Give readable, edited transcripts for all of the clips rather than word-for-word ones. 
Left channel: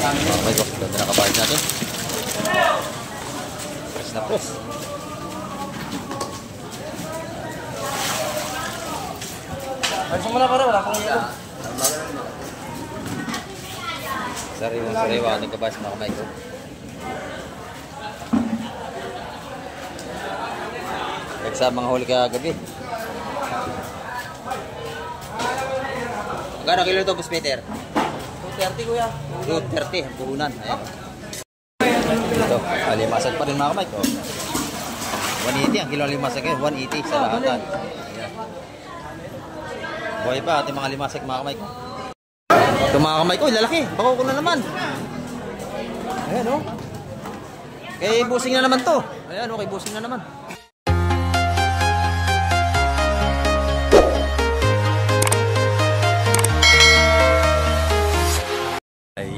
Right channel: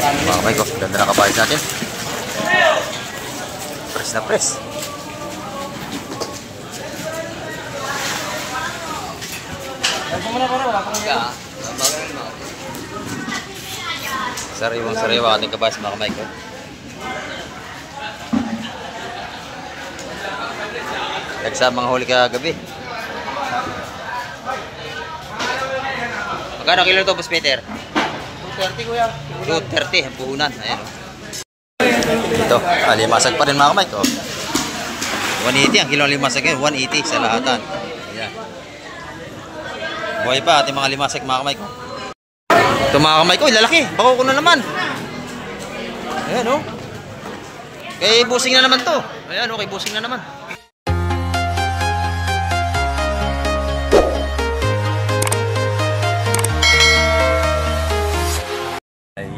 Mga kamay ko, ganda na kabayad natin. Press na press. Ay, sumuna para wala pang ilo. Sariwang sariwa ating kabayad mga kamay ko. Nagsa mga huli kagabi. Magkano kilo ito, Boss Peter? 230 kuya. 230 ang puhunan. Ayan o. Ito, alimasag pa rin mga kamay ko. 180 ang kilo limasag yun. 180 sa lahatan. Ayan. Buhay pa ating mga limasag mga kamay ko. Ito mga kamay ko, lalaki. Bako ko na naman. Ayan o. Kay busing na naman to. Ayan o, kay busing na naman.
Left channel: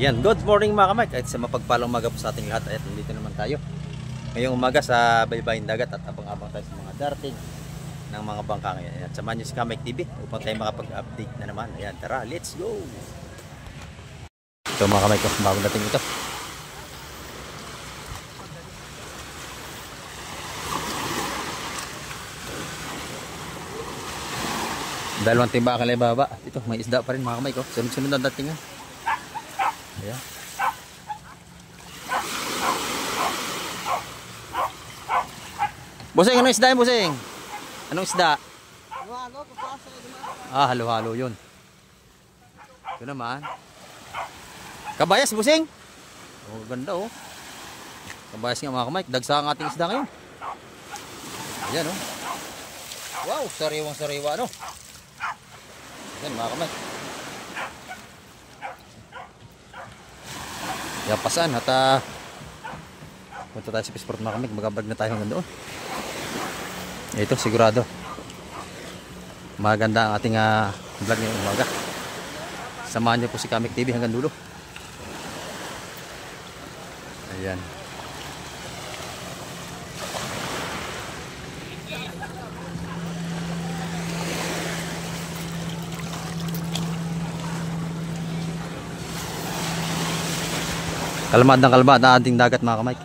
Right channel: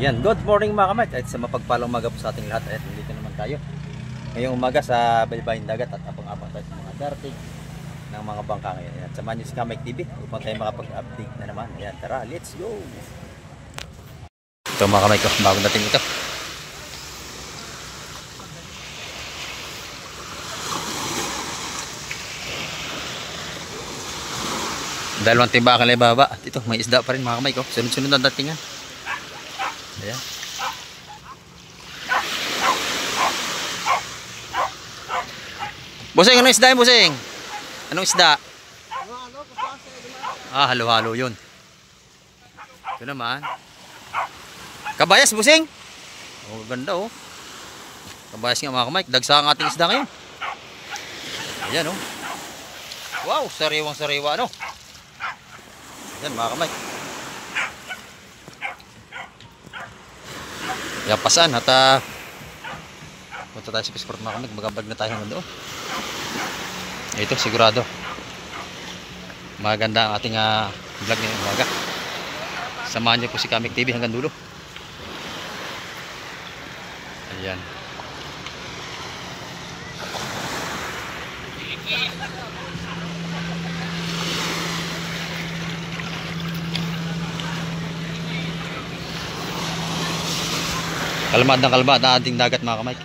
Ayan, good morning mga kamay. Kahit sa mapagpalang umaga po sa ating lahat. Ayan, nandito naman tayo ngayong umaga sa baybayin dagat at abang-abang tayo sa mga darting ng mga bangka ngayon. Ayan, samahan nyo si Kamek TV upang tayo makapag-update na naman. Ayan, tara, let's go! Ito mga kamay ko, bagong dating ito. Dalawang timbakan lang baba. At ito, may isda pa rin mga kamay ko. Sunod-sunod ang datingan. Ayan. Busing, anong isda yun, Busing? Anong isda? Ah, halo-halo yun. Ito naman. Kabayas, Busing? Oh, ganda oh. Kabayas nga mga kamay. Dagsa ang ating isda ngayon. Ayan oh. Wow, sariwang sariwa ano. Ayan mga kamay. Yapasan at punta tayo sa Fisport mga kamay. Magabag na tayo hanggang doon. Ito sigurado maganda ang ating vlog ngayong umaga. Samahan niyo po si Kamek TV hanggang dulo. Ayan. Kalmad ng kalmad na ating dagat mga kamay.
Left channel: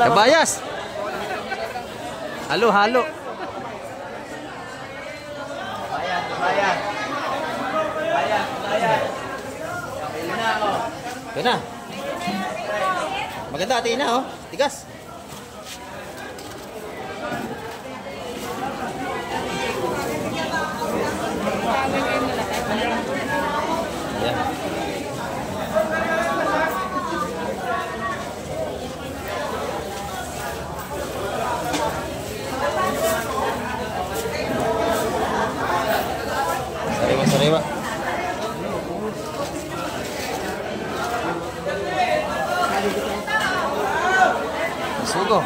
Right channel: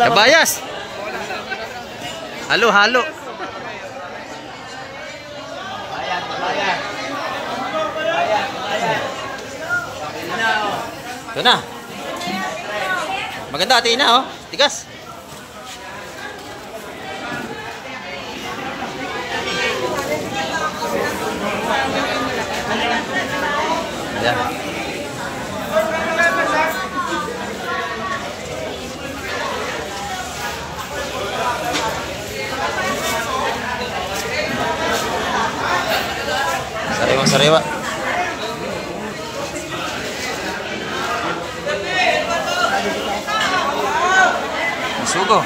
Kabayas. Halo, halo. Bayan, bayan. Bayan, bayan. Ito na. Maganda ati na oh. Tigas. Ayan. Sariwa-sariwa. Sugo.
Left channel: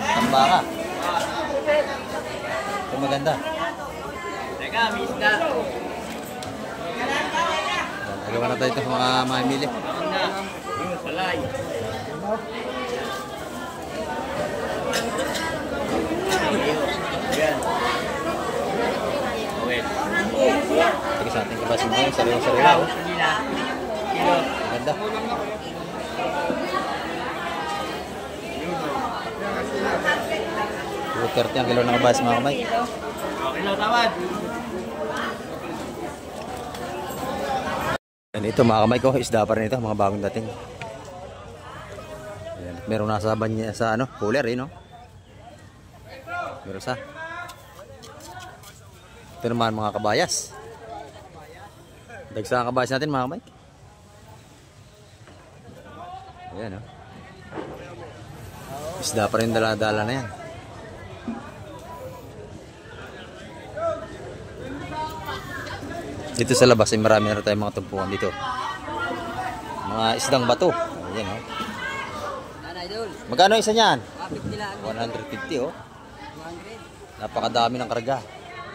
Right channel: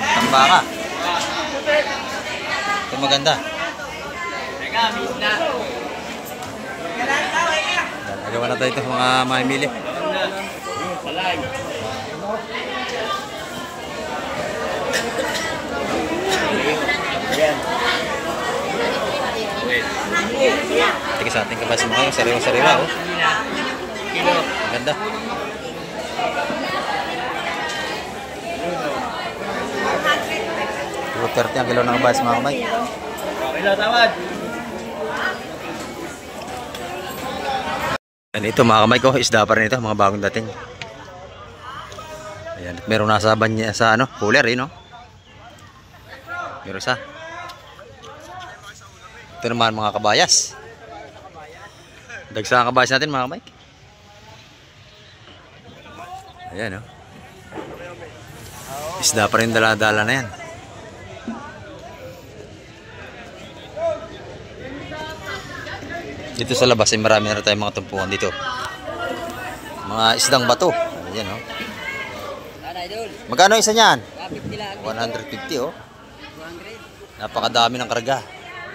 Tambaka. Ito maganda. Teka, misna. Nagawa na tayo ito mga mamimili. Salay. Ayan. Tika sa ating kabas mo kayo. Sariwa-sariwa oh. Maganda. $2.30 ang kilo ng kabas mga kamay. Okay lang, tawad. And ito mga kamay ko, isda pa rin ito, mga bagong dating. Ayan, meron nasa banya sa ano, cooler eh no. Meron sa. Ito naman mga kabayas. Dagsa ang kabayas natin mga kamay. Ayan oh. Isda pa rin dala-dala na yan. Dito sa labas ay marami na tayong mga tumpukan dito. Mga isdang bato. Ayan oh. Magkano isa niyan? 150 oh. Napakadami ng karga.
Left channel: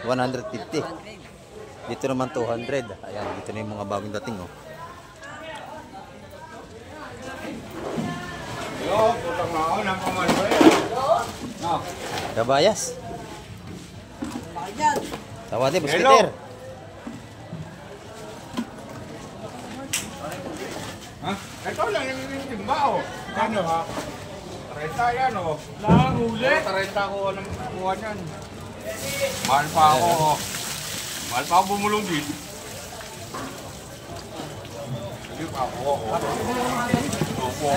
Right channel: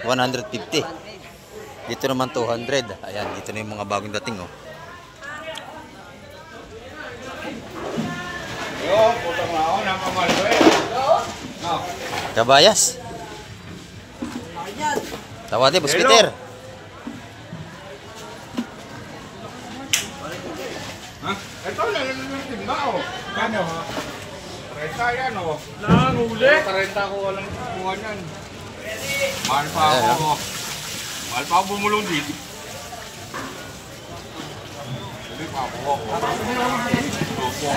150. Dito naman 200. Ayan, dito na yung mga bagong dating oh. Kabayas. Tawad Boss Peter. Ha? Ito lang yung timba oh. Kano ha? 30 yan oh. Nanguli. 30 ko walang kuha niyan. Mahal pa ako oh. Mahal pa ako bumulong dito. Hindi pa ako oh. Opo.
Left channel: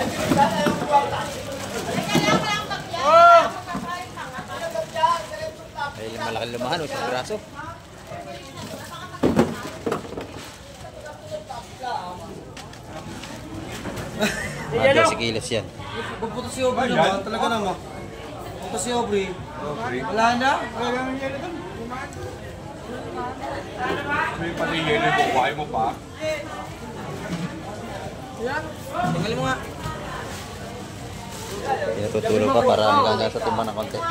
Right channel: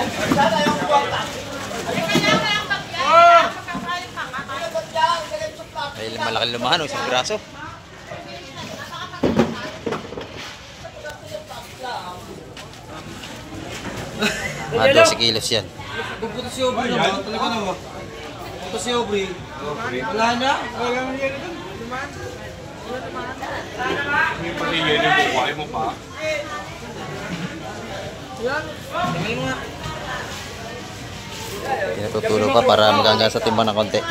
Ay, malaki lumahan, isang braso. Mga 12 kilos yan. Puputo si Aubrey naman, talaga naman. Puputo si Aubrey. Wala na. May patingin yung buhay mo pa. Tingnan mo nga. Tinutulog pa para magaga sa timbang ng konti.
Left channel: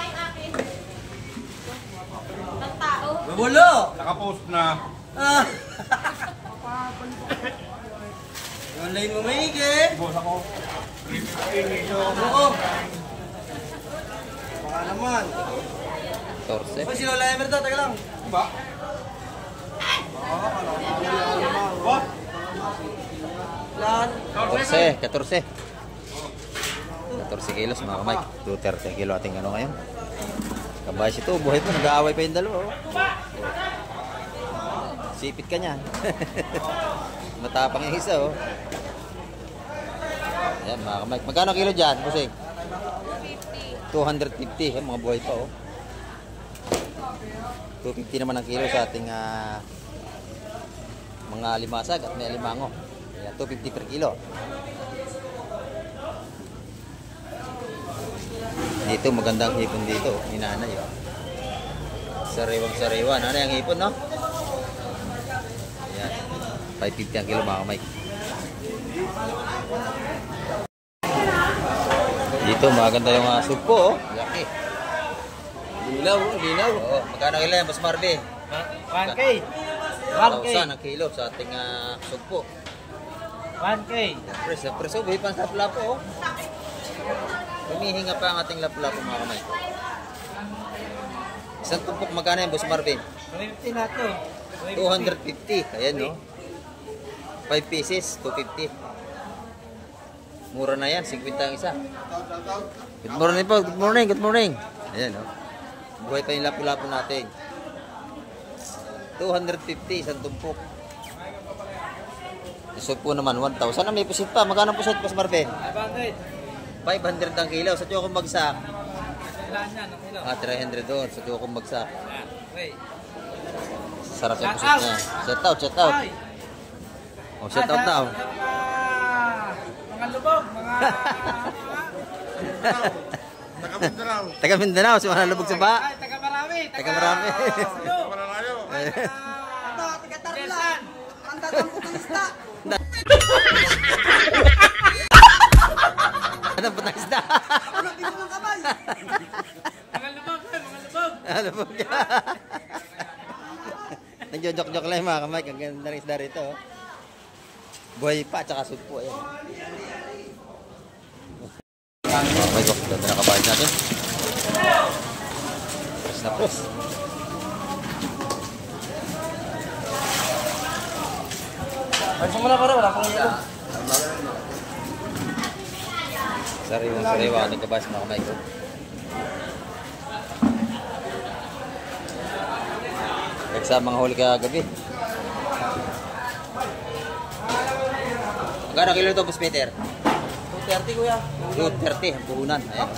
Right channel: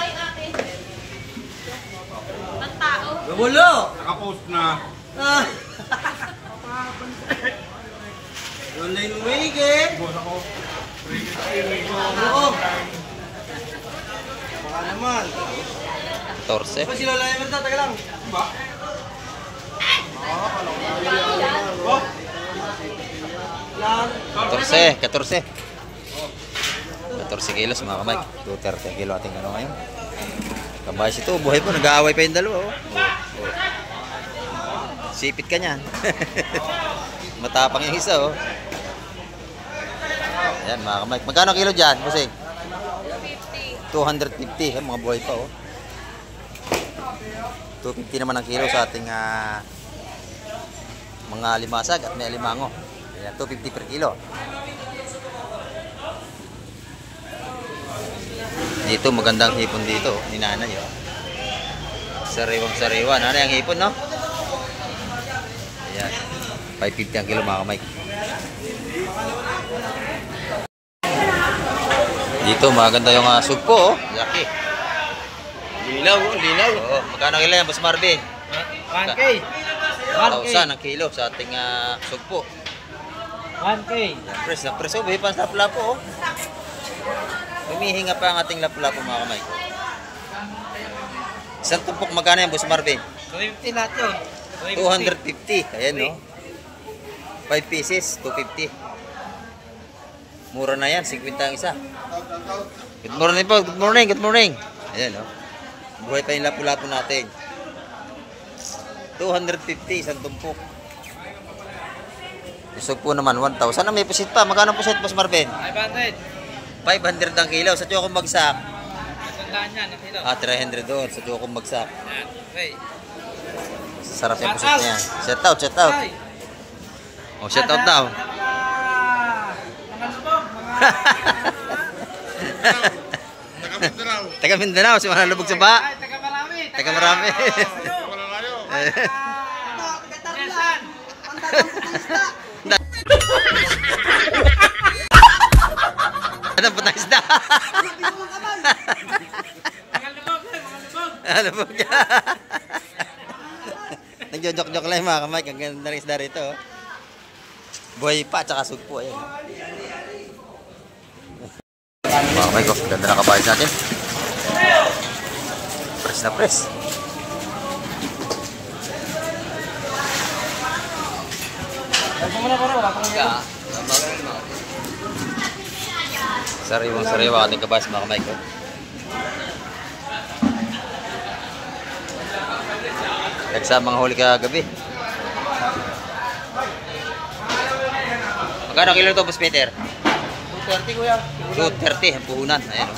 Wala. Nakapost na. Ah. Online mo may eh. Boss ako. Oo. Baka naman. 14. O si Lola Emerta, taga lang. Ba? Lan. 14. 14 kilos mga kamay. 230 kilo ating ano ngayon. Kabayas ito, buhay po, nag-aaway pa yung dalawa oh. Sipit ka niyan. Matapang yung isa oh. Ayan mga kamay. Magkano kilo dyan, Busing? 250. Ayan, mga buhay pa oh. 250 naman ang kilo sa ating mga limasag at may alimango. Ayan, 250 per kilo. Dito magandang hipon dito, ni nanay oh. Sariwang sariwa, nanay ang hipon no? Ayan, 550 ang kilo mga kamay. Dito maganda yung sugpo oh, laki. Lilaw, lilaw. Oo, magkano kilo yan, Boss Marvin? 1K. 1,000 ang kilo sa ating sugpo. 1K. Yan, press na press oh, bipan sa lapu-lapu oh. Humihinga pa ang ating lapu-lapu mga kamay ko. Isang tumpok magkano yan, Boss Marvin? 250 natin. 250. Ayan no. 5 pieces, 250. Mura na yan, 50 ang isa. Good morning po, good morning, good morning. Ayan no. Buhay pa yung lapu-lapu natin. 250, isang tumpok. Isog po naman, 1,000. Ah, may pusit pa. Magkano pusit, Boss Marvin? 500. 500 ang kilo. Sa Chocong Bagsak. Sandaan yan, ang kilo. 300 doon sa Chocong Bagsak. Yan. Okay. Sarap yung pusit na yan. Shout out, shout out. Oh, shout out now. Mga lubog, Taga Mindanao, si mga lubog sa ba? taga marami. Taga marami. Yes, Anong putang isda? mga lubog, mga lubog. Lubog. Nagjo-joke-joke lang yung mga kamay. Ang ganda ng isda rito. Oh. Buhay pa, tsaka sugpo. Ayan. Mga kamay ko, ganda na kabayad natin. Press na press. Ay, sumuna para wala pang ito. Sariwang sariwa ating kabayad mga kamay ko. Nagsamang huli kagabi. Magkano kilo ito, Boss Peter? 230 kuya. 230 ang puhunan. Ayan o.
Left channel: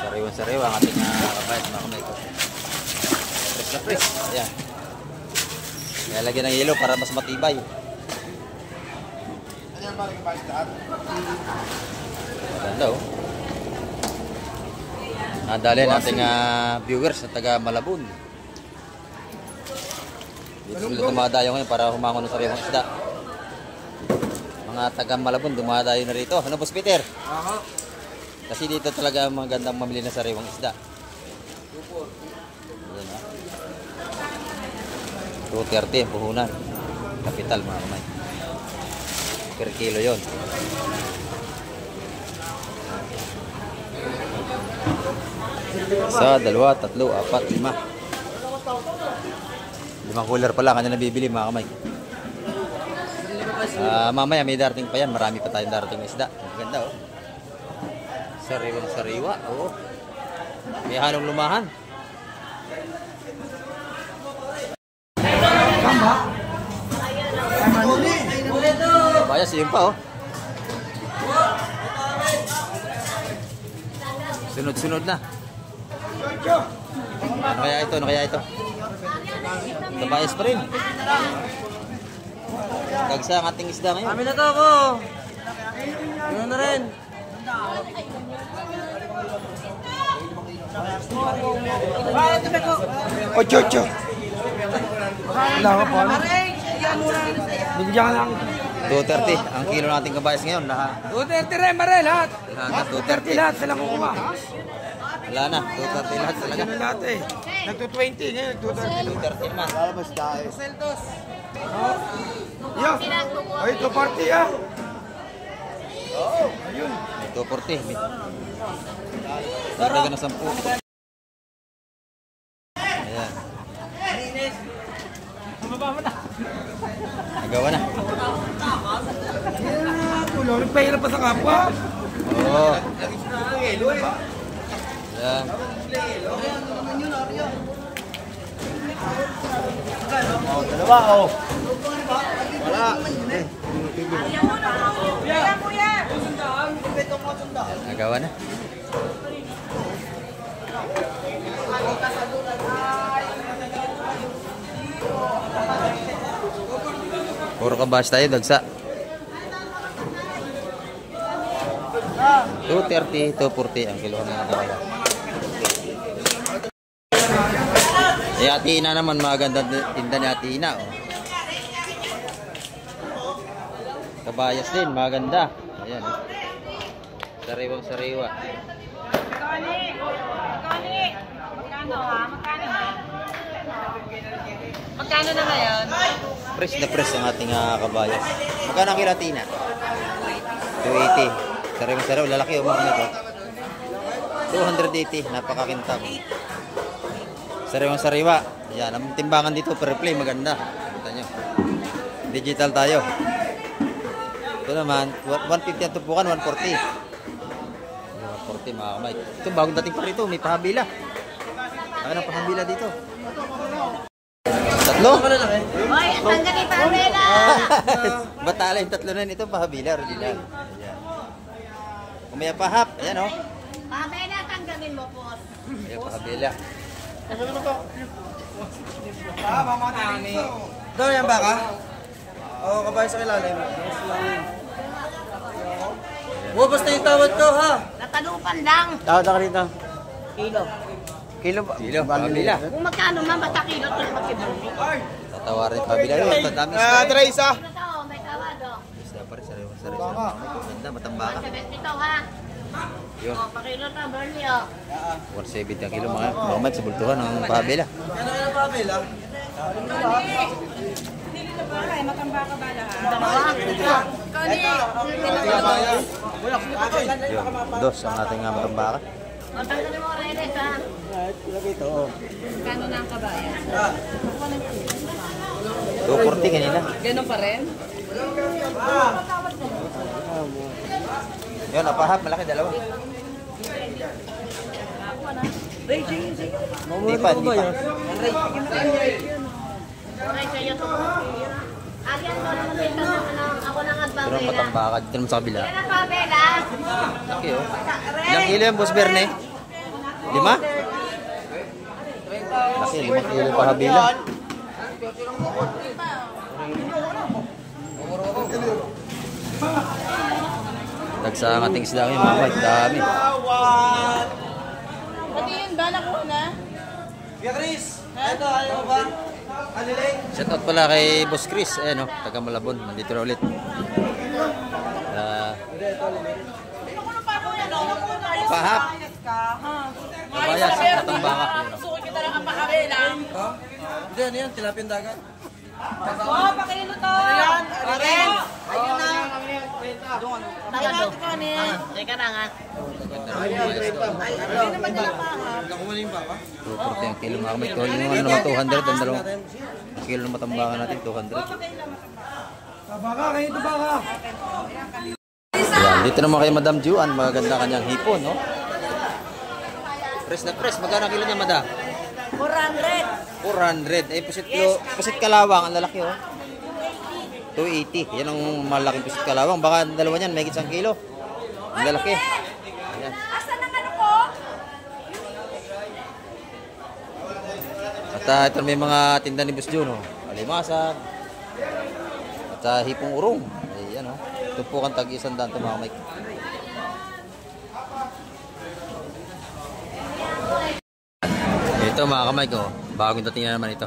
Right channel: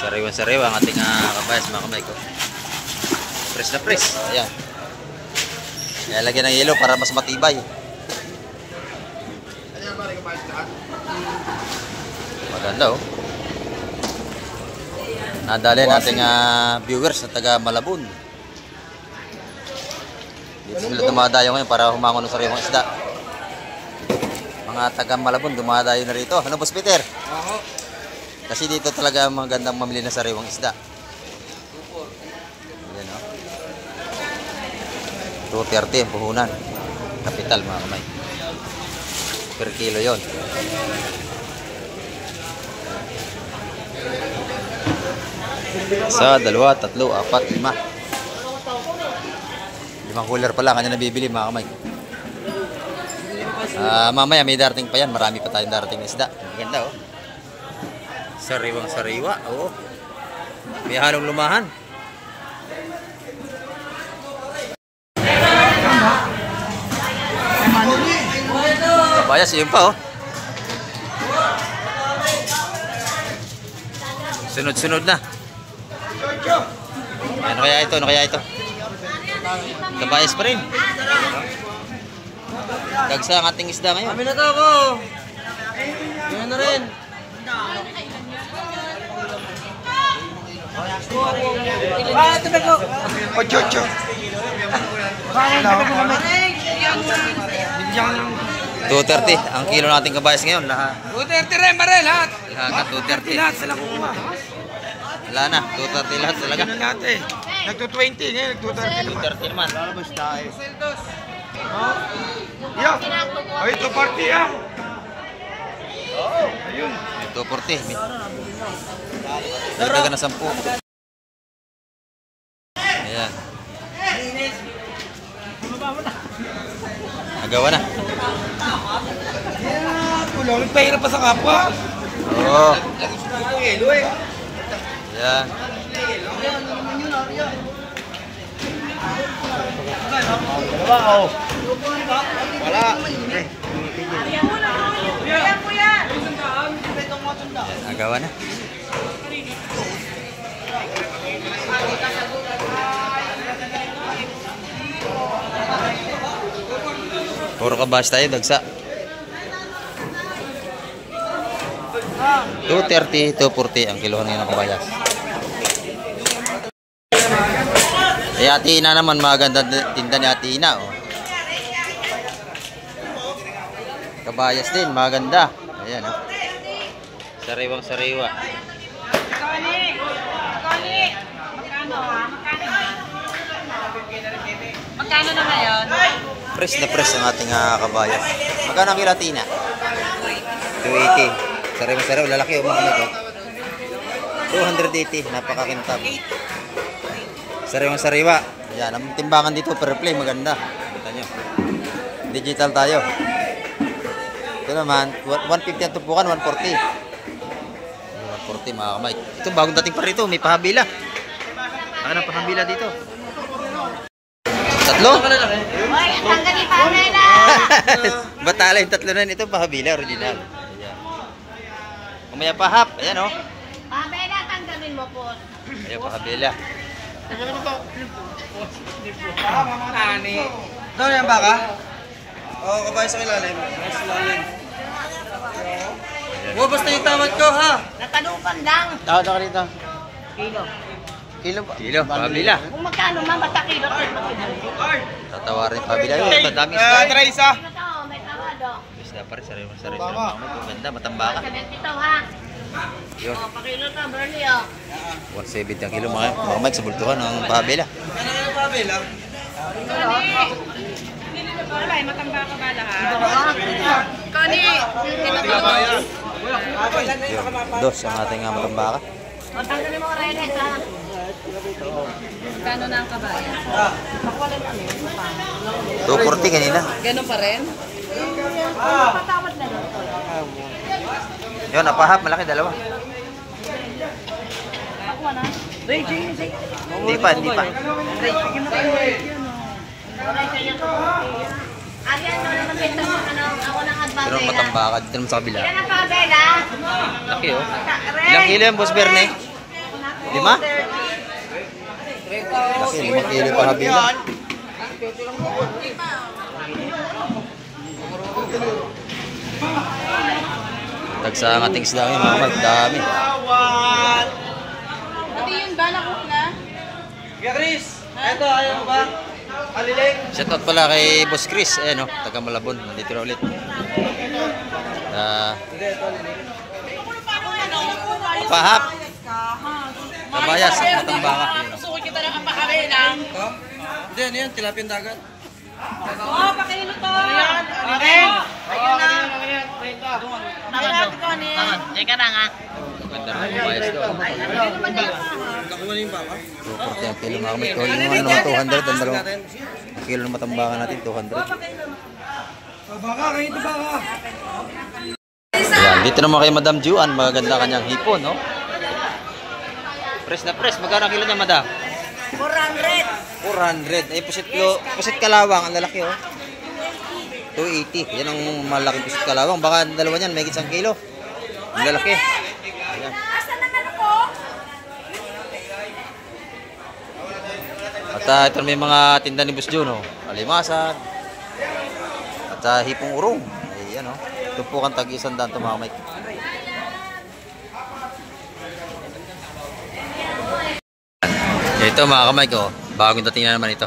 Sariwan-sariwa ang ating kabayas mga kamay ko. Press na press. Ayan. Kaya lagyan ng yelo para mas matibay. Maganda o. Nadali nating viewers na taga Malabon. Dito sila dumadayo ngayon para humangon ng sariwang isda. Mga taga Malabon dumadayo na rito. Ano, Boss Peter? Kasi dito talaga magandang mamili na sariwang isda. Yan o. 230 ang puhunan. Kapital mga kamay. Per kilo yon. Isa, dalawa, tatlo, apat, lima. 5 cooler pa lang kanya nabibili mga kamay. Mamaya may darating pa yan. Marami pa tayong darating na isda. Maganda oh. Sariwang sariwa. Oo. May halong lumahan. Bayas yun pa oh. Sunod-sunod na. Ano kaya ito? Ano kaya ito? Kabayas pa rin. Dagsa ang ating isda ngayon. Kami na to ako. Ganyan na rin. Ocho. 230 ang kilo nating kabayas ngayon. Lahat. 230 rin, Mare, lahat. Lahat 230. Lahat sila kuha. Wala na. 230 lahat talaga. Lahat eh. Nagto-20 ngayon, nagto-30. 230 naman. Seldos. Yeah. Ay, ito party ah. 240. Dagdagan na 10. Ayan. Nagawa na. Kulong, pahirap pa sa kapwa. Oo. Ayan. Nagawa na. Puro kabas tayo, dagsa. 230, 240 ang kilohan ngayon ng kabayas. Eh, Ate Ina naman, maganda tinda ni Ate Ina. Oh. Kabayas din, maganda. Ayan, oh. Sariwang sariwa. Kali! Magkano ha? Magkano ba? Magkano na ngayon? Fresh na fresh ang ating kabayas. Magkano ang kilo Ate Ina? 280. Sariwang sariwa, lalaki yung mga nito. 280, napakakintab. Sariwang sariwa. Ayan, ang timbangan dito per play, maganda. Kita nyo. Digital tayo. Ito naman, 150 ang tupukan, 140. 140 mga kamay. Ito bagong dating pa rito, may pahabila. Saka ng pahabila dito. Tatlo? Hoy, sandali pa nila! Batala yung tatlo na nito, pahabila, original. Ayan. Kumaya pahap, ayan o. Oh. Pabela, tanggalin mo po. Ayan, pahabila. Doon yan baka? Oo, kabayas sa ilalim. Sa ilalim. Bubos na yung tawad ko ha. Natalupan lang. Tawad ako dito. Kilo. Kilo, pahabila. Kung magkano man, basta kilo. Tatawarin pahabila. Ayun, madami isda. Teresa. May tawado. Isda pa rin, sariwa-sariwa sila mga kamay. Ganda, matambaka. 72 ha. Yun, O, pakilo to, Bernie o. 170 ang kilo mga kamay sa bultuhan ng pahabila. Ano yung pabila? Wala, matamba ka ba lahat? Kani! Yun, dos ang ating matambaka. Magkano mo redes ha? Magkano na ang kabayan? 240 kanina. Ganun pa rin? Yun, napahap, malaki, dalawa. Hindi pa. Pero matambaka dito naman sa kabila. Yan ang pabela. Laki oh. Ilang kilo yan, Boss Bernie? 5? Laki, 5 kilo pa habila. Tagsa ang ating isda ngayon, mga kamay, dami. Pati yun, bala ko na. Kuya Chris, eto ayaw ba? Aliling. Shoutout pala kay Boss Chris, ayan oh, taga Malabon, nandito na ulit. Pahap. Kabayas at matambaka. Yun, oh. Gusto ko kita ng kapakabilang. Hindi, ano yan? Tilapia dagat. Oo, pakilo to. Ren. Tangan ko ni. Teka na nga. Maganda rin kabayas doon. Nakuha na yung baka. 240 ang kilo mga kamay ko. Yung ano naman 200. Ang dalawang kilo ng matambakan natin 200. Baka, kayo ito baka. Ayan, dito naman kay Madam Juan. Magaganda kanyang hipon, no? Press na press. Magkano ang kilo niya, Madam? 400. 400. Ay, pusit kalawang. Ang lalaki, oh. 280. Yan ang malaking pusit kalawang. Baka dalawa niyan, may isang kilo. Ang lalaki. Ayan. Asan ang ano ko? At ito may mga tinda ni Boss Jun, oh. Alimasag. At hipong urong. Ayan, oh. Tumpukan tag-100 ito mga Mike. Ito mga kamay ko, bagong dating na naman ito.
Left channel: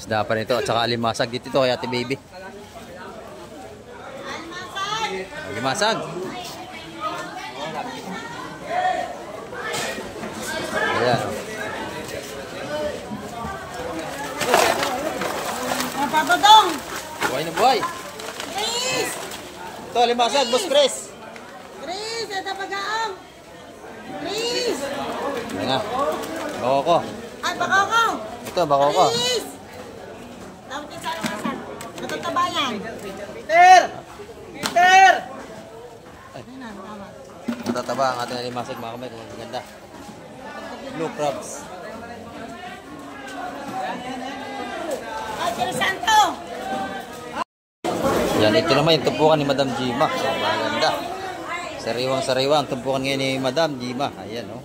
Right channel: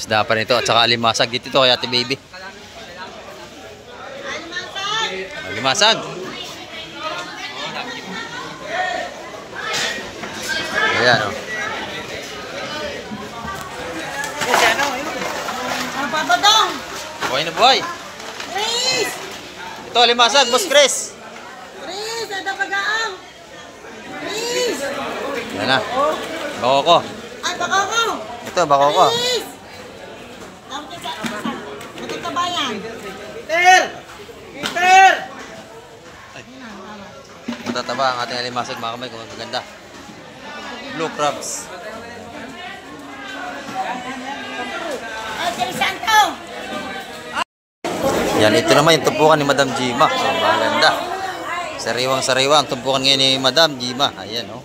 Isda pa nito at saka alimasag. Dito ito kay Ate Baby. Alimasag. Ayan, oh. Papadong. Buhay na buhay. Chris. Ito alimasag, Boss Chris. Chris, ito pagaang. Chris. Yan na. Bako ko. Ay, baka ko. Ito, bako ko. Chris. Tawag ka sa matataba yan. Peter! Matataba ang ating alimasag mga kamay kung ang gaganda. Blue crabs. Ay, Santo. Yan, ito naman yung tumpukan ni Madam Jima. So, maganda. Sariwang-sariwa ang tumpukan ngayon ni Madam Jima. Ayan, oh.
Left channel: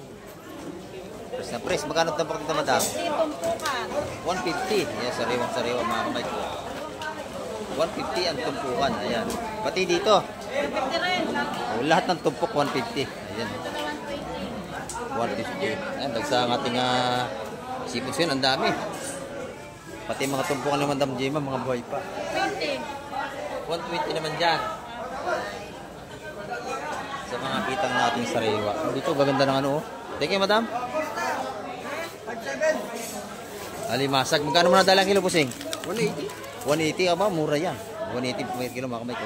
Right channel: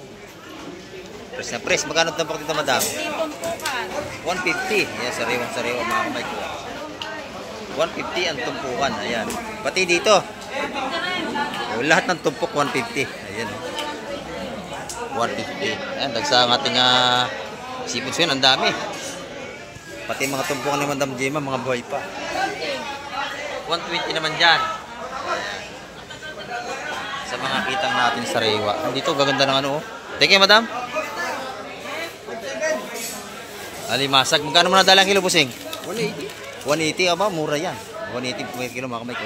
Press na press. Magkano tumpok dito, Madam? Tumpukan. 150. Ayan, sariwang-sariwa mga kamay ko. 150 ang tumpukan. Ayan. Pati dito. Oh, lahat ng tumpok 150. Ayan, oh. 150. Ayan, dagsa ang ating seafoods yun. Ang dami. Pati mga tumpukan ni Madam Jima, mga buhay pa. 120 naman dyan. Ayan. Sa mga kitang natin sariwa. Dito, gaganda ng ano, oh. Thank you, Madam. Alimasag. Magkano mo na dalang kilo, Busing? 180. 180 ba? Mura yan. 180 per kilo mga kamay ko.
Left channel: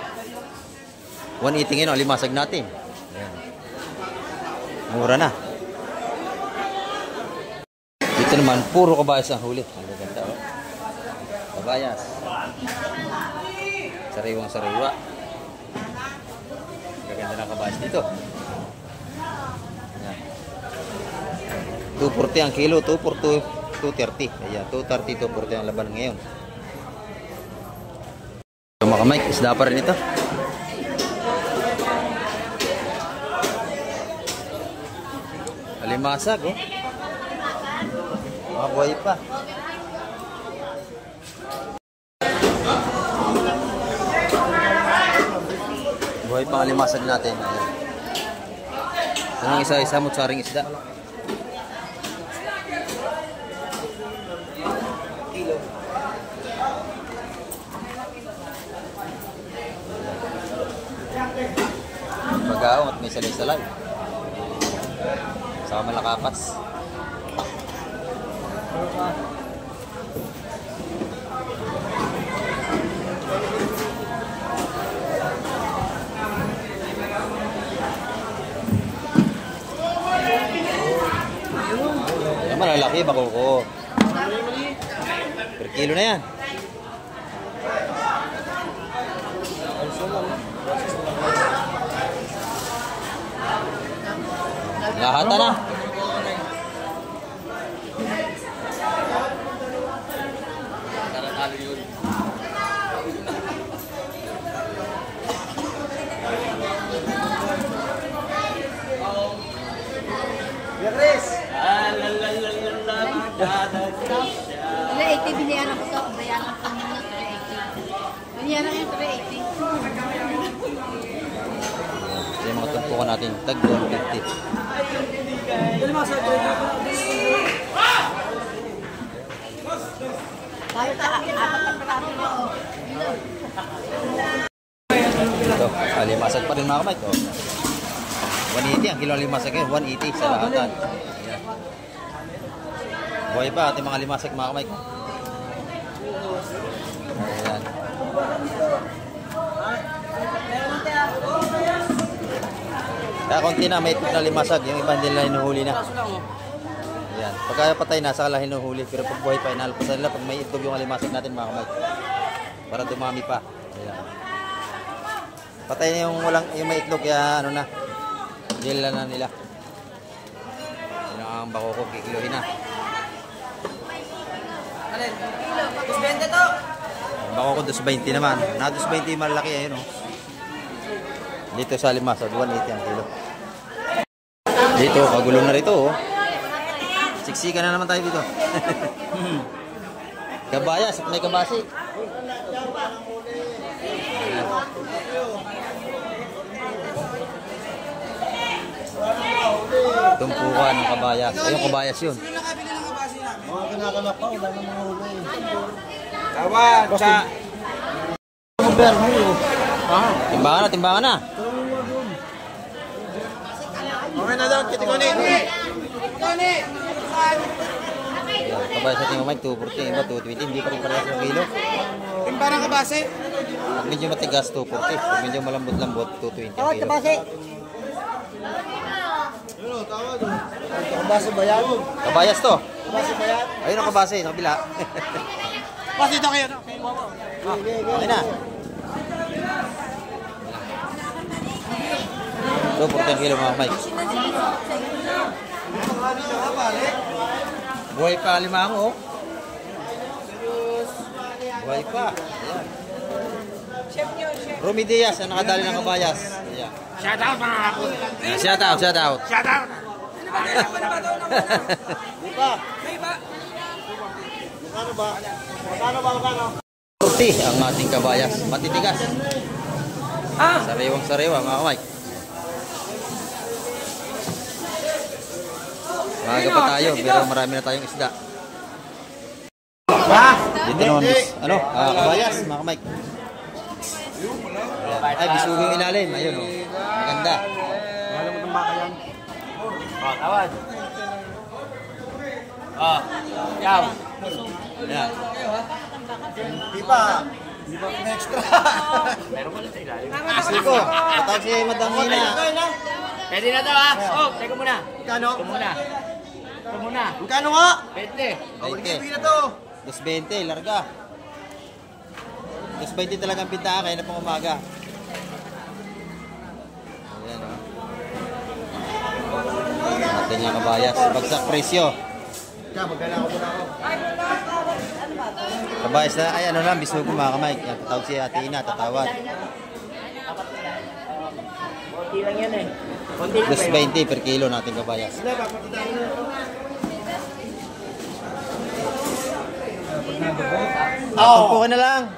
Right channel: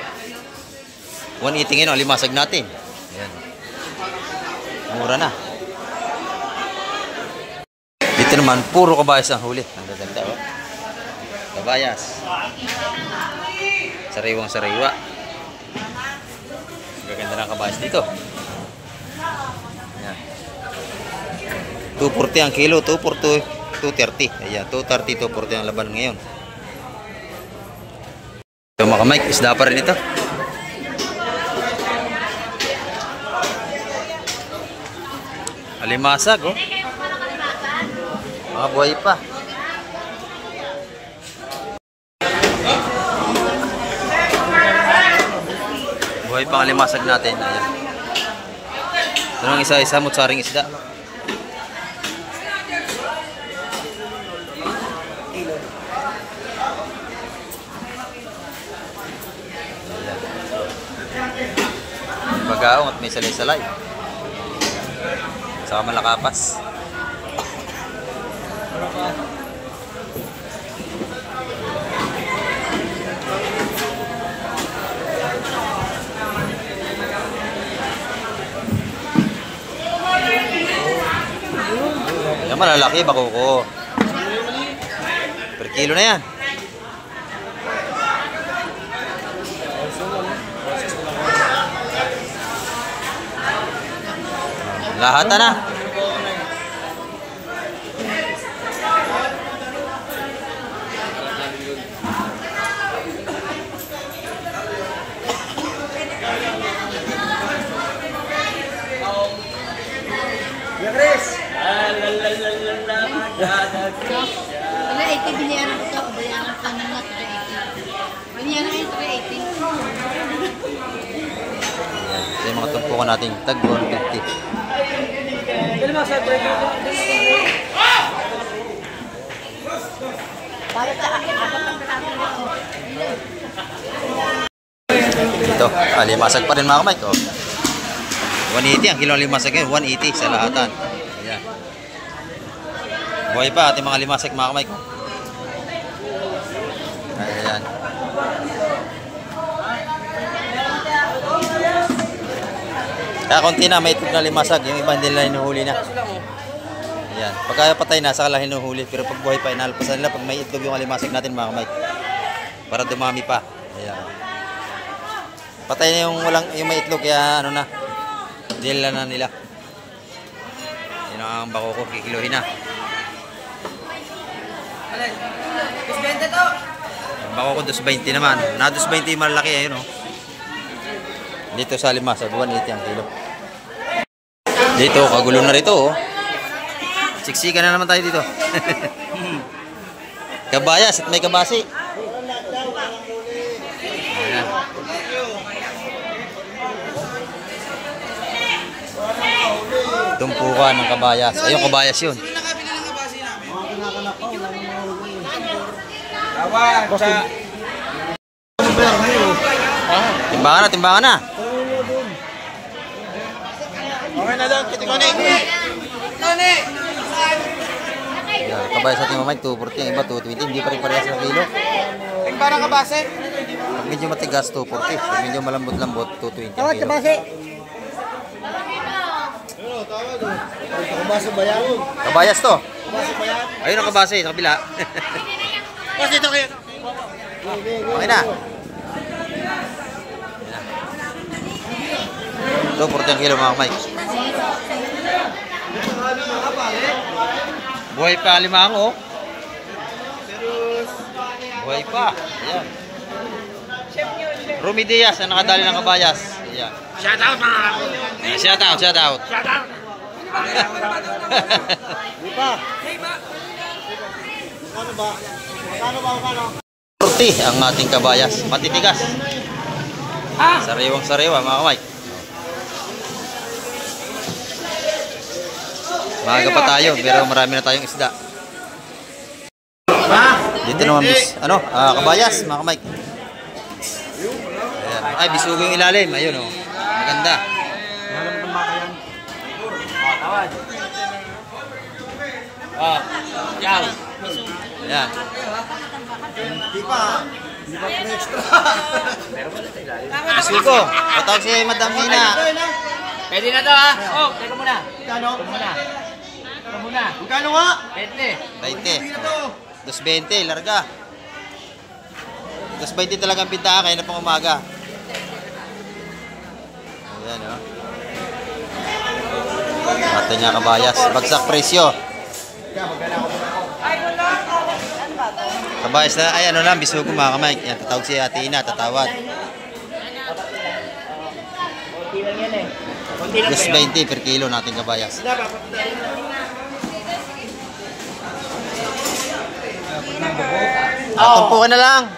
180 ngayon, alimasag natin. Ayan. Mura na. Dito naman, puro kabayas ang huli. Ang gaganda, oh. Kabayas. Sariwang sariwa. Ang gaganda ng kabayas dito. Ayan. 240 ang kilo, 230. Ayan, 230, 240 ang laban ngayon. So mga kamay, isda pa rin ito. Alimasag, oh. Mga buhay pa. Buhay pang alimasag natin. Ayan. Ito nang isa-isa mo saring isda. Bagaong at may salay-salay. Saka malakapas. Yan malalaki, bako ko. Per kilo na yan. Lahat na. Ano, 80 bilihan ako ito. Bayaran ka na na 380. Bayaran ka yung 380. Ito yung mga tumpukan natin. Tag 150. Ito, kilo. Limasag pa rin mga kamay ko. 180 ang kilo ng limasag ngayon. 180 sa lahatan. Ayan. Buhay pa ating mga limasag mga kamay ko. Ayan. Kaya konti na may itlog na limasag. Yung iba hindi nila hinuhuli na. Ayan. Pagka patay na, saka lang hinuhuli. Pero pag buhay pa, inalpasan nila pag may itlog yung alimasag natin mga kamay. Para dumami pa. Ayan. Patay na yung may itlog, kaya ano na. Dila na nila. Yun ang bako ko, kikiluhin na. Ang bako ko, 220 naman. Na 220 malaki, ayun o. Dito sa limasag, 180 ang kilo. Dito, kagulo na rito oh. Siksika na naman tayo dito. Kabayas at may kabasi. Ayan. Tumpukan ng kabayas. Ayun, kabayas yun. Timbangan na, timbangan na. Yan, kabayas natin mamay, 240, iba 220, hindi pa rin parehas ng kilo. Parang kabase. Pag medyo matigas, 240. Pag medyo malambot-lambot, 220 ang kilo. Kabase ba yan? Kabayas to. Kabase ba yan? Ayun ang kabase, sa kabila. Mas dito kayo. Okay na. 240 ang kilo mga kamay. Buhay pa limango. Buhay pa. Ayan. Rumi Diaz ang nakadali ng kabayas. Ayan. Shout out mga ako. Shout out, shout out. Shout out. Magkano? 40 ang ating kabayas. Matitigas. Sariwang sariwa mga kamay. Maaga pa tayo pero marami na tayong isda. Dito naman kabayas mga kamay. Ayan. Ay, bisugo yung ilalim. Ayun oh. Maganda. Tawad. Yaw. Ayan. Di pa extra. Bisugo. Patawag si Madam Nina. Pwede na to ah. Oh, teka muna. Kano? Ito muna. Magkano nga? 20. 220, larga. 220 talaga ang pinta kaya na pang umaga. Ayan o. Natin niya kabayas. Bagsak presyo. Kabayas na, ay ano lang, bisugo mga kamay. Yan, tatawag si Ate Ina, tatawad. 220 per kilo natin kabayas. Tumpukan na lang.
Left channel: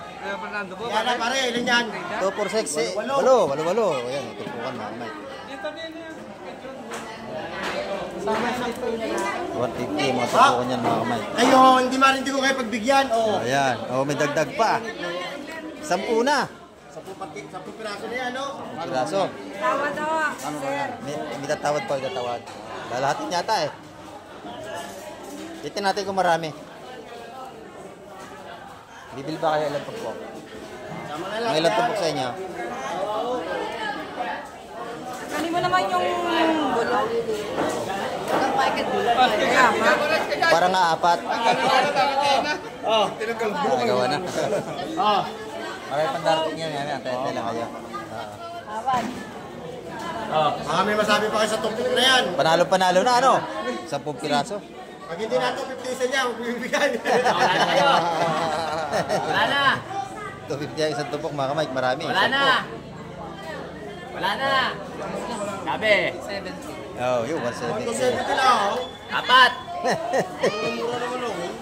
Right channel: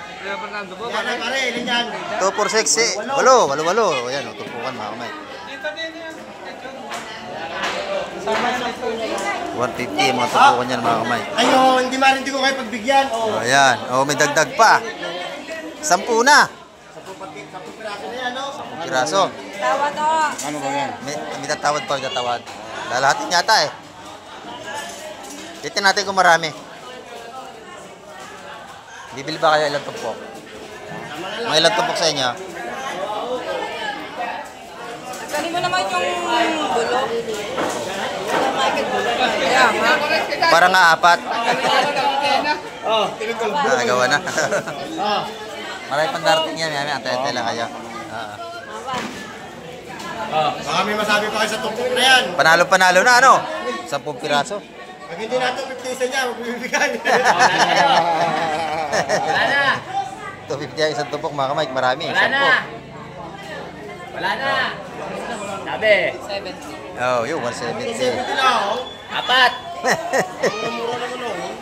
2 for 6. Walo. Ayan, tumpukan mga kamay. 150 yung mga tumpukan yan mga kamay. Ayun, hindi ko kayo pagbigyan. Oh. Ayan, may dagdag pa. 10 na. 10 piraso na yan, no? 10 piraso. Ano ba yan? May tatawad pa, tatawad. Lalahatin yata eh. Titin natin kung marami. Bibili ba kayo ilang tumpok? Mga ilang tumpok sa inyo? Kanina naman yung bulo. Parang nga 4. Nagawa na. Marami pang darating yan. Antay-antay lang kayo. Baka may masabi pa kayo sa tumpok na yan. Panalo na ano? 10 piraso. Pag hindi nato 50 isa niya, magbibigyan. Wala na. 250 ang isang tumpok mga kamay. Marami. Wala na. Sabi. 70. Oh, yun. 170. Apat. Mura naman ako.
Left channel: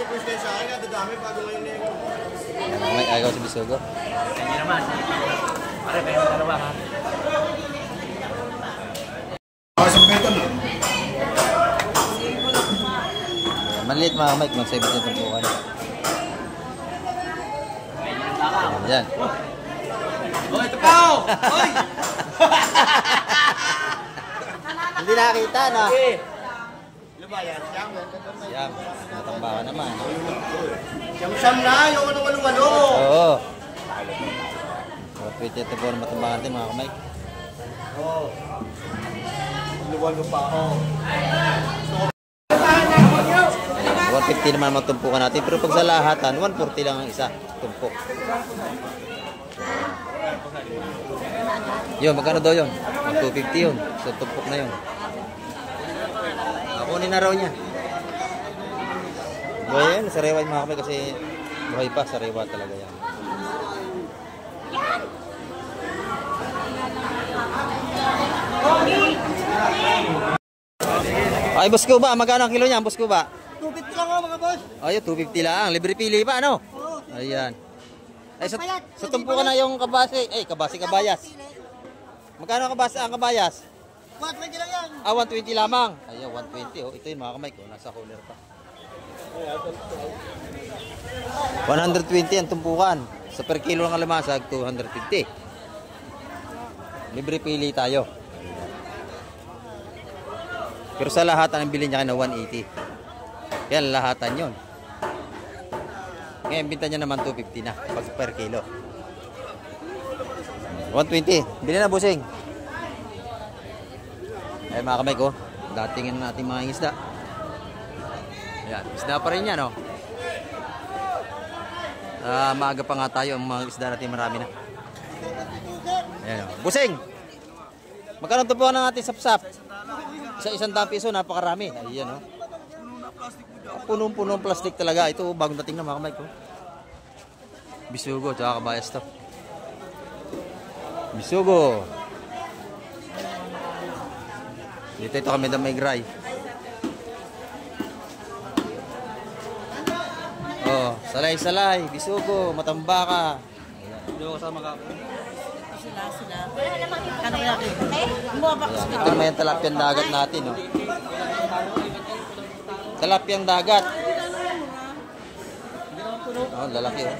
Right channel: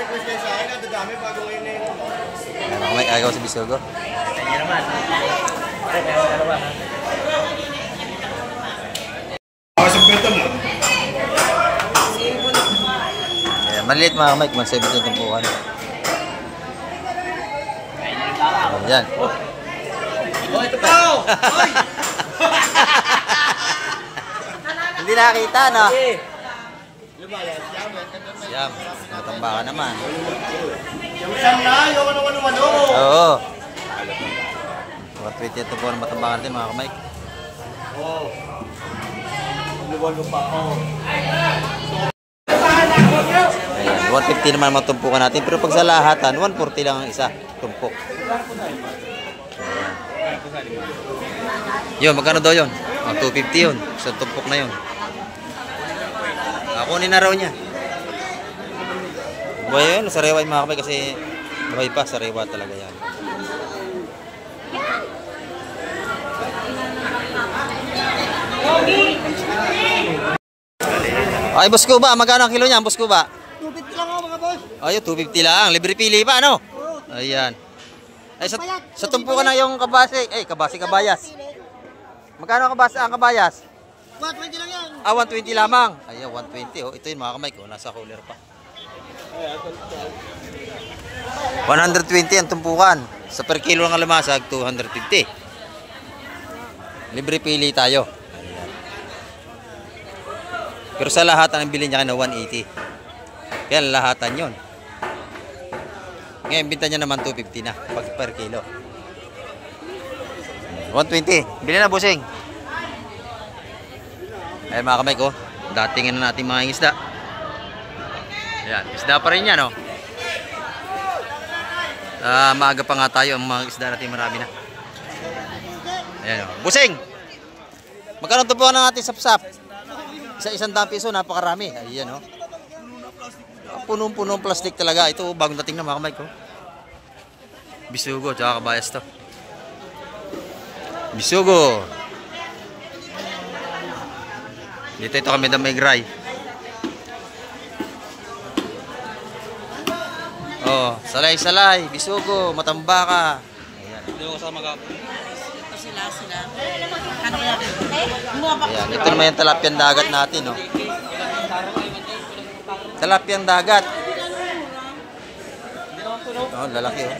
Request kayo sa akin, dadami bago ngayon na yun. Ano kamay, agaw sa bisugo. Kanya naman. Pero dalawa ha. Isang bento mo. Maliit mga kamay. 170 ang tumpukan. Ayan. Oh, ito Ikaw! Hoy! Hindi nakita, no? Siyam. Matambakan naman. Siyam na, yung ano. Oo. 420 ito po ang matambakan natin mga kamay. Oo. Luwalo pa ako. Ayan, 150 naman matumpukan natin. Pero pag sa lahatan, 140 lang ang isa. Tumpok. Yun, magkano daw yun? 250 yun. Sa tumpok na yun. Kunin na raw niya. Buhay yun, sariwa yung mga kamay kasi buhay pa, sariwa talaga yan. Ay, boss ko ba? Magkano ang kilo niya, boss ko ba? 250 lang ako mga boss. Ayun, 250 lang. Libre pili pa, ano? Ayan. Ay, sa tumpukan na yung kabase. Ay, kabayas. Magkano ang kabayas? 120 lang yan. 120 lamang. Ayan, 120. Oh, ito yung mga kamay ko. Nasa cooler pa. 120 ang tumpukan. Sa per kilo ng alamasag, 250. Libre pili tayo. Ayan. Pero sa lahatan ang bilhin niya na 180. Kaya lahatan yun. Ngayon, binta niya naman 250 na pag per kilo. 120. Bilhin na, busing. Ayan mga kamay ko, datingin na natin mga isda. Ayan, isda pa rin yan, no? Maaga pa nga tayo, ang mga isda natin marami na. Ayan, o. Busing! Magkano ito po na natin sapsap? Sa 100 piso, napakarami. Ayan, o. Punong-punong plastic talaga. Ito, bagong dating na mga kamay ko. Bisugo, tsaka kabayas to. Bisugo! Dito ito kami na may gray. Oh, salay-salay, bisugo, matambaka. Ayan. Ayan, ito naman yung talapyang dagat natin, no. Talapyang dagat. Oh, lalaki, oh.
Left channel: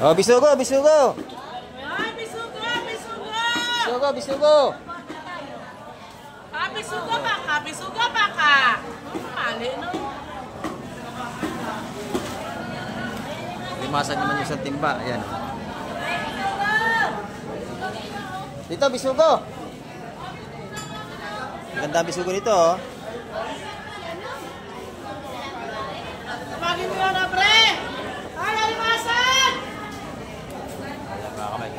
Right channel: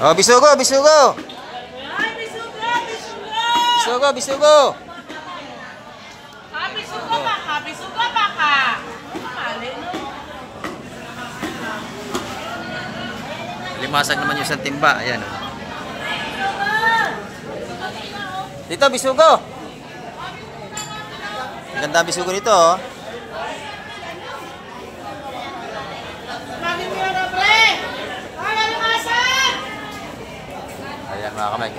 Oh, bisugo, bisugo. Ay, bisugo, bisugo. Bisugo, bisugo. Ah, bisugo baka, bisugo baka. Mali, no? Limasag naman yung isang timba. Ayan. Oh. Dito, bisugo. Ganda ang bisugo nito, oh. Tumagin mo yan, pre. Ay, alimasan. Ayan mga kamay.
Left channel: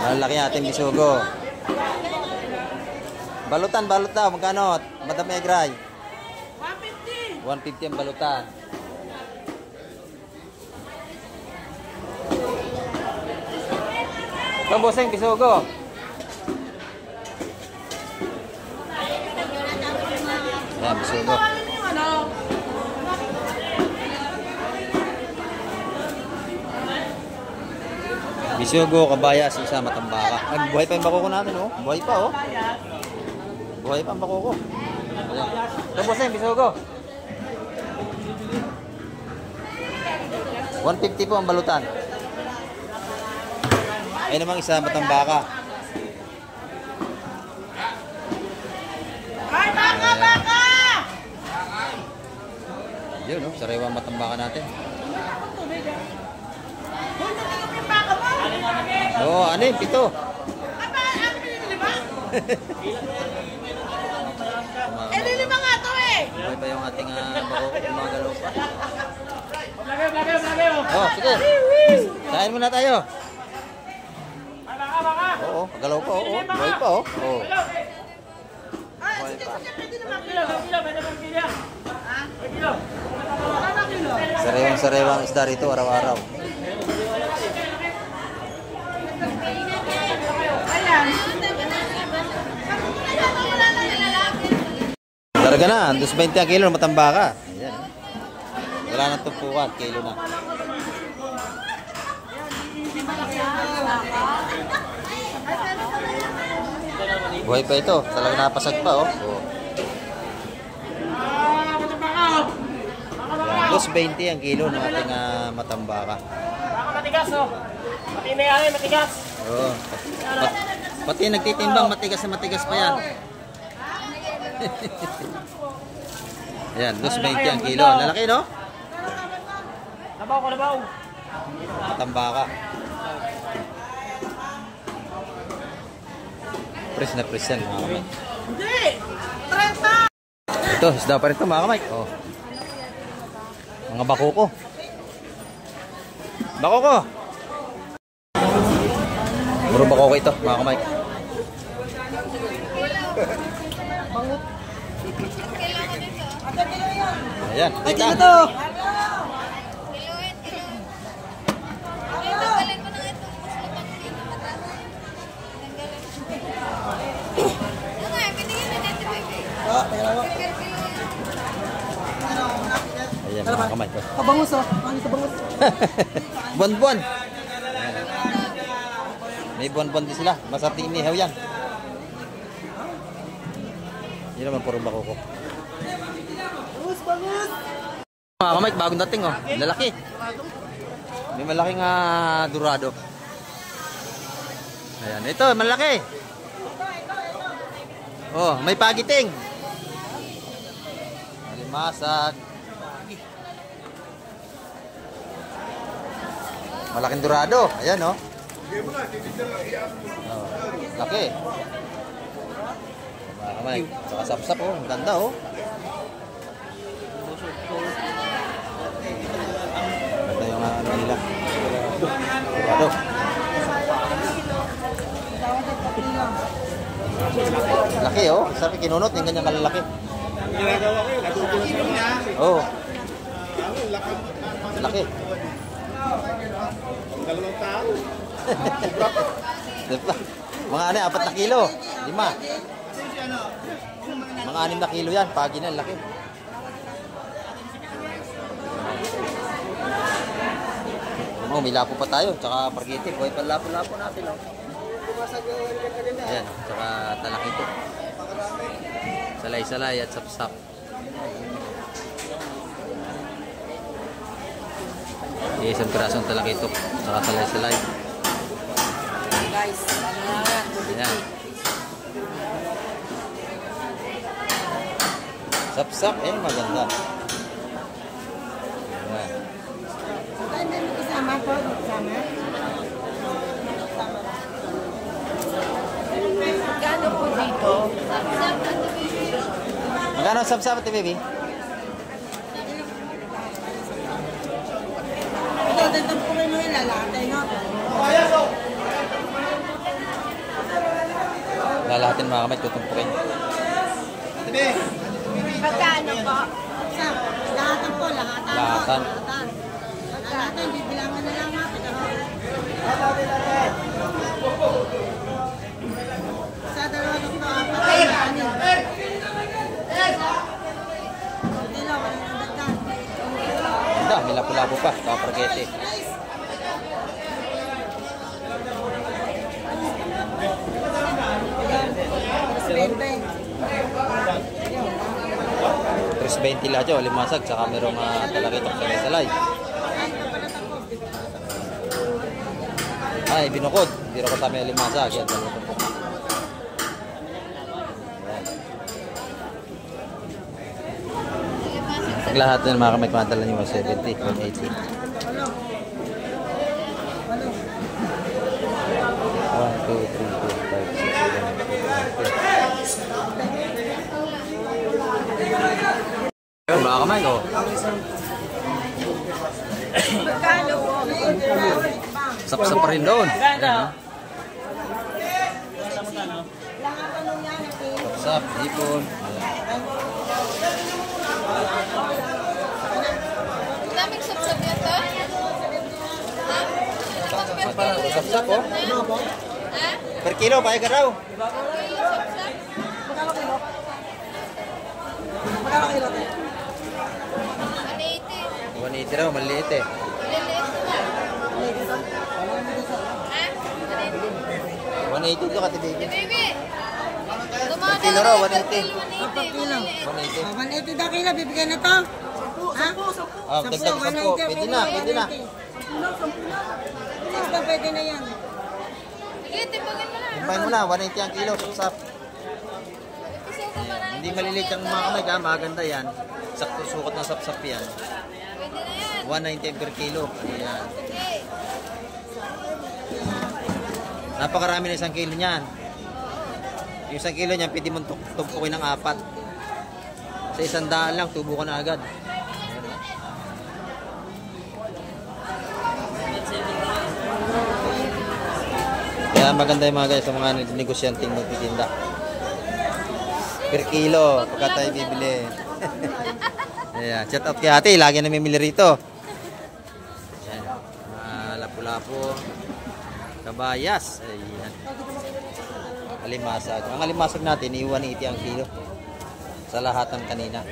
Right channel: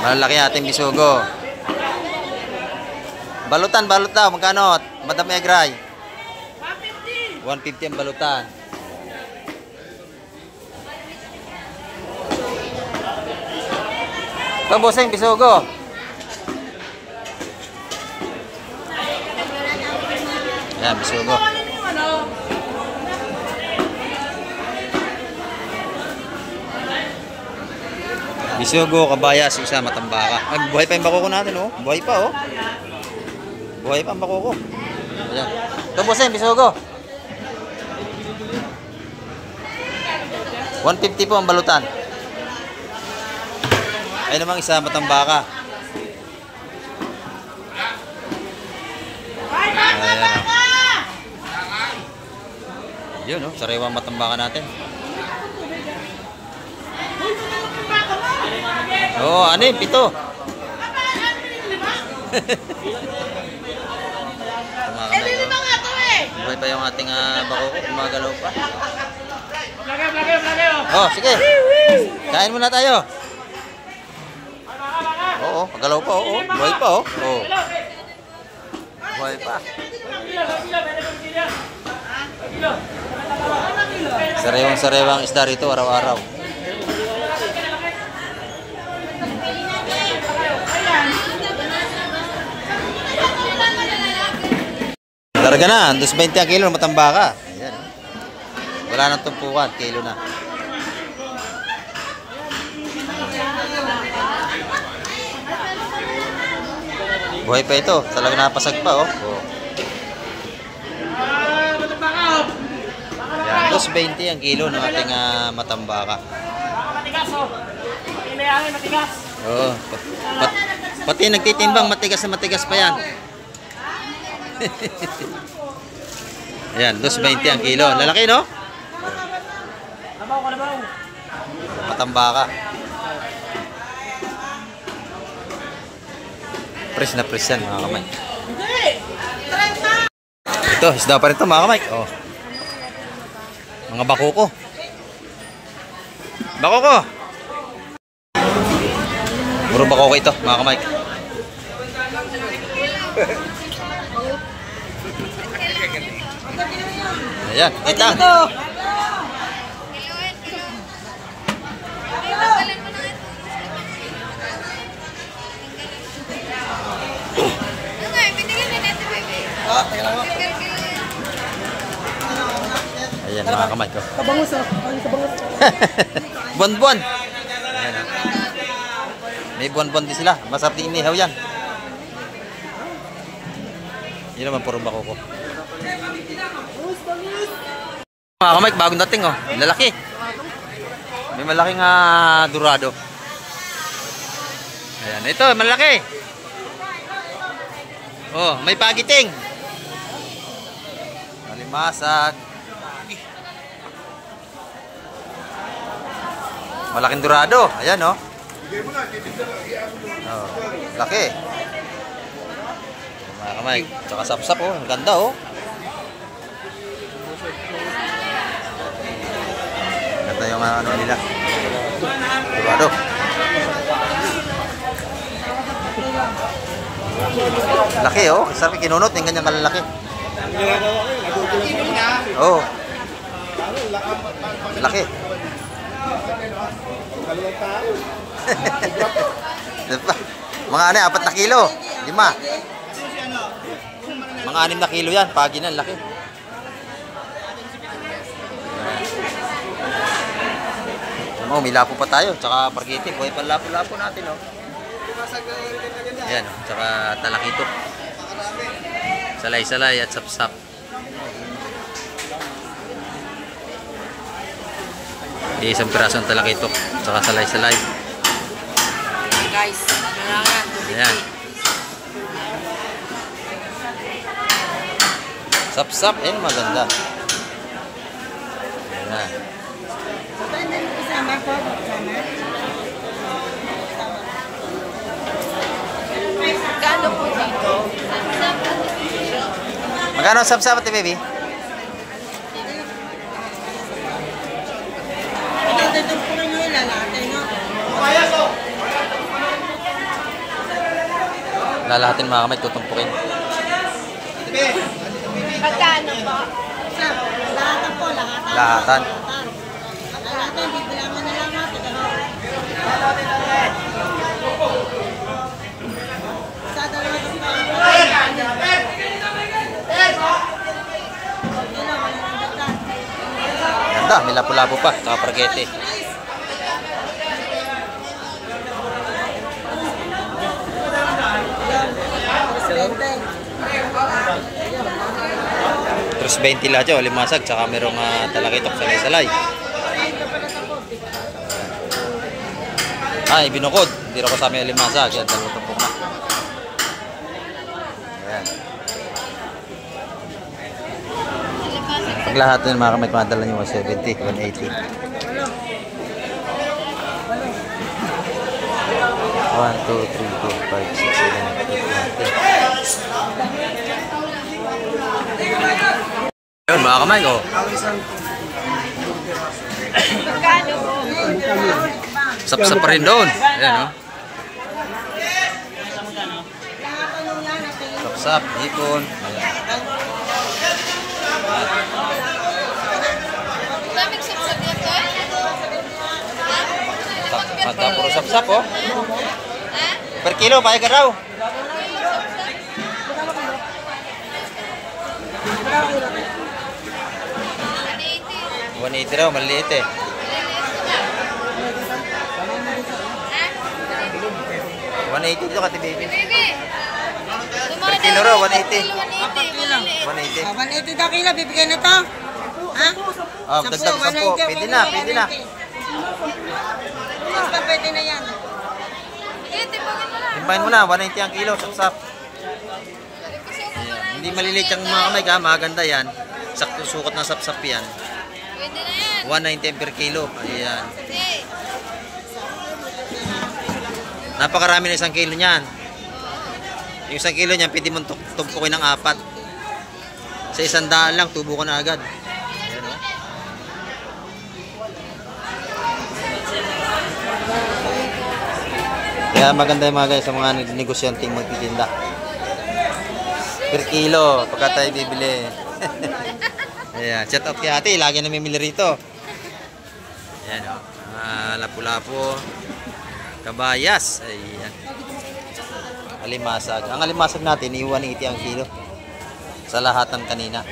Malalaki natin bisugo. Balutan, balot daw. Magkano? Madam Egray. 150. 150 ang balutan. Pamboseng bisugo. Ayan, bisugo. Ano? Bisugo, kabayas, isa matambaka. Ay, buhay pa yung bakoko natin, oh. Buhay pa, oh. Buhay pa ang bakoko. Ayan. Pamboseng bisugo. 150 po ang balutan. Ay namang isa matambaka. Ay, baka, baka. Yun, no? Sariwa matambaka natin. Oo, ano yun? 7. Eh, lilima nga to eh. Buhay pa yung ating bakoko. Gumagalaw pa. Lagay. Oh, sige. Kain muna tayo. Oo, pagalaw pa. Oo, buhay pa. Oo. Buhay pa. Sariwang isda rito araw-araw. Ayan. Larga na, 220 ang kilo, matambaka. Ayan, oh. Wala nang tumpukan, kilo na. Buhay pa ito, talaga napasag pa, oh. Oh. Yan, 220 ang kilo ng ating matambaka. Matigas, oh. Matigas. Oo. Pati nagtitimbang, matigas na matigas pa yan. Ayan, 220 ang kilo. Lalaki, no? Labaw ko, labaw. Matambaka. Press na press yan, mga kamay. Hindi! 30! Ito, isda pa rin ito, mga kamay. Oh. Mga bakoko. Bakoko! Puro bakoko ito, mga kamay. Ayan, kita. Ayan, mga kamay ko. Kabangus, oh. Ano kabangus? Buwan-buwan. Ayan, oh. May buwan-buwan din sila. Masarap din inihaw yan. Yun naman, puro bakoko. Mga kamay, bagong dating, oh. Lalaki. May malaking dorado. Ayan, ito, malaki. Oh, may pagiting. Alimasag. Malaking dorado. Ayan, oh. Oh, laki. Mga kamay, tsaka sapsap, oh. Ang ganda, oh. Ganda yung ano nila. Dorado. Laki, oh. Sarap kinunot yung ganyang kalalaki. Oh. Laki. Diba? Mga 4 na kilo. 5. Mga 6 na kilo yan. Pagi na, laki. Oh, may lapo pa tayo. Tsaka pargiti. Buhay pa lapo-lapo natin, oh. Ayan, oh. Tsaka talakito. Salay-salay at sapsap. Isang pirasong talakito. Tsaka salay-salay. Guys, ano lang yan? Ayan. Sapsap, eh, maganda. Ayan. Kano po dito? Magkano ang sapsap, ate baby? Lalahatin mga kamay, tutumpukin. Pagkano po? Lahatan po, lahatan. Lahatan. Lahatan, bibilang mo na lang natin. Sa dalawa dito, Ganda, may lapu-lapu pa, tsaka pargete. Terus 20 lahat yun, limasag, tsaka merong talakitok salay-salay. Ay, binukod. Hindi rin ko sa amin limasag. Yan, dalawang tumpok na. Ayan. Pag lahat din mga kamay, kumadala nyo 170, 180. 1, 2, 3, 4, 5, 6, 7, 8, 9, 10. Yun mga kamay ko. Sap-sap pa rin doon. Ayan, no? Sap-sap, hipon. Daming sapsap dito eh. Mata, puro sap-sap, oh. Per kilo, payag ka raw. 180 raw, maliit eh. 180 to Kati Baby. Per kilo raw, 180. 180. 180 daw kilo, bibigyan na to. Ha? Ah, dagdag 10. Pwede na, pwede na. Basta pwede na yan. Timpahin mo na, 180 ang kilo, sapsap. Ayan. Hindi maliliit yung mga kamay ka, maganda yan. Sakto sukot na sapsap yan. 190 per kilo. Ayan. Napakarami na 1 kilo niyan. Yung 1 kilo niyan, pwede mong tumpukin ng 4. Sa 100 lang, tubo ko na agad. Ayan, oh. Kaya maganda yung mga guys sa mga negosyanteng magtitinda. Per kilo, pagka tayo bibili. Ayan, shout out kay ate, lagi namimili rito. Ayan, o. Lapu-lapu. Kabayas. Ayan. Alimasag. Ang alimasag natin, 180 ang kilo. Sa lahatan kanina.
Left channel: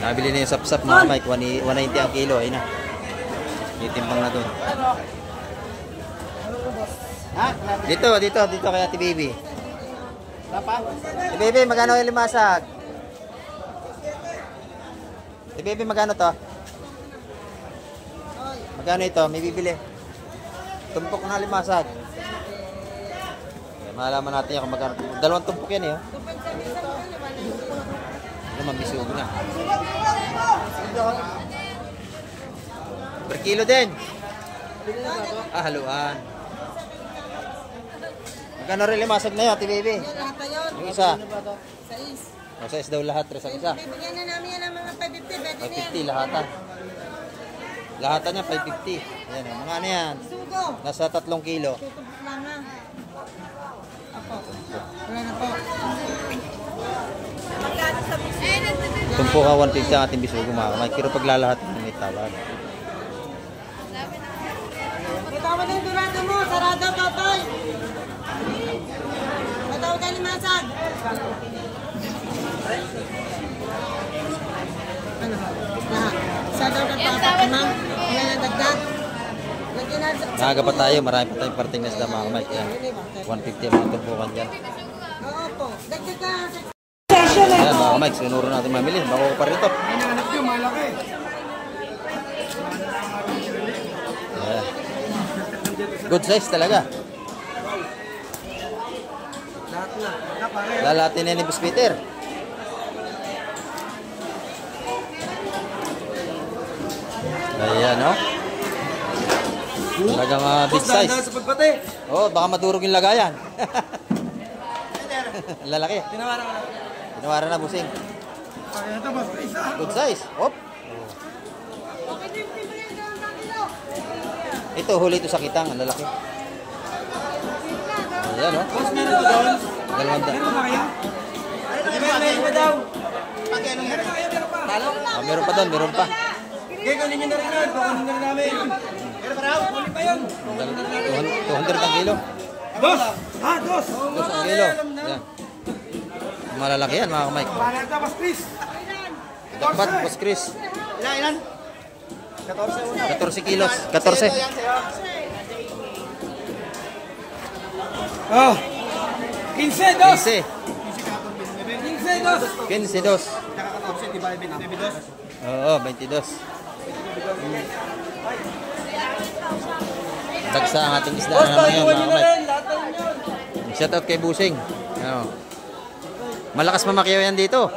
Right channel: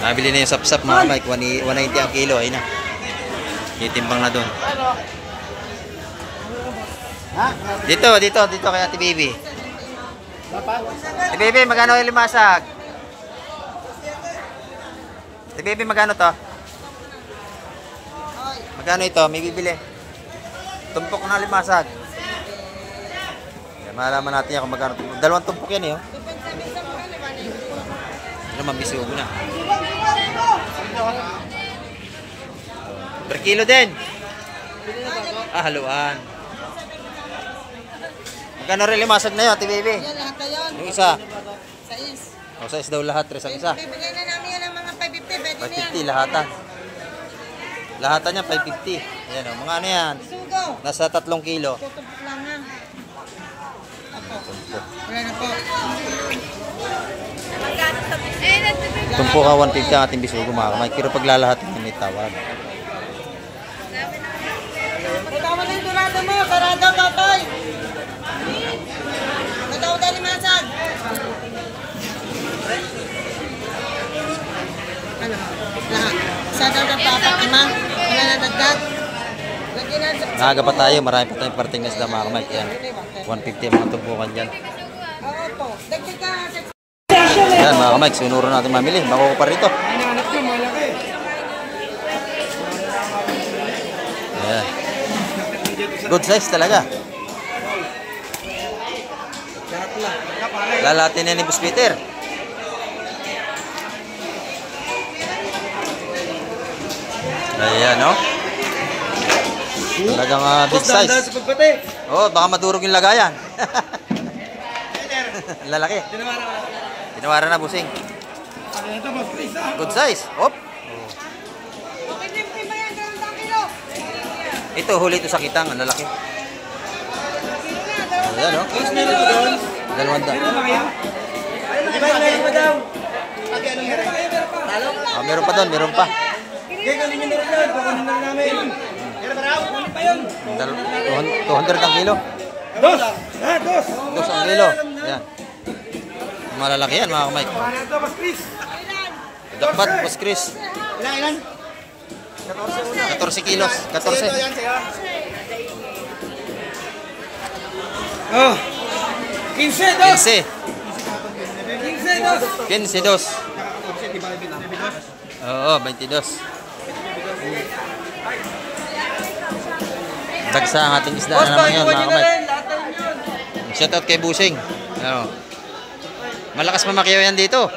Nabili na yung sapsap mga Mike, 190 ang kilo, ayun na. Titimbang na doon. Dito kay Ate Baby. Ate Baby, magkano yung limasag? Ate Baby, magkano to? Magkano ito? May bibili. Tumpok na limasag. Yan, malaman natin yan kung magkano. Dalawang tumpok yan eh. Oh. Ano, mabisugo na. Per kilo din. Ah, haluan. Magkano rin limasag na yun, Ate Baby? Yung isa. O, size daw lahat, tres ang isa. Bibigyan na namin yan ng mga 550. 550 lahatan. Lahatan niya 550. Ayan o, mga ano yan. Sugo. Nasa 3 kilo. Tutumpok lang na. Wala na po. Tumpo ka 150 ang ating bisugo mga kamay. Pero paglalahat may tawad. Ikaw mo din durado mo. Sarado, Totoy. Nataw tayo ni Masag. Ano? Lahat. Sa daw na papat naman. Wala na dagdag. Lagyan na. Nakaga pa tayo. Marami pa tayong parting na sila mga kamay. Ayan. 150 ang mga tumpukan dyan. Oo po. Dagdag ka. Yan mga kamay. Sunuro natin mamili. Bako ko pa rito. Ayan. Good size talaga. Lalatin na ni Boss Peter. Ayan, no? Talagang big size. Oh, baka madurog yung lagayan. Lalaki. Tinawaran na, busing. Good size. Hop. Oh. Ito, huli ito sa kitang. Ang lalaki. Ayan, no? 200. Ah, meron pa doon, meron pa. 200 ang kilo. Dos ang kilo. Yan. Malalaki yan mga kamay. Dapat, Boss Chris. Ilan? 14 kilos. 14. Oh. 15 dos. Oo, 22. Dagsa ang ating isda na naman yun mga kamay. Shoutout kay Busing. Ano. Malakas mamakyaw yan dito.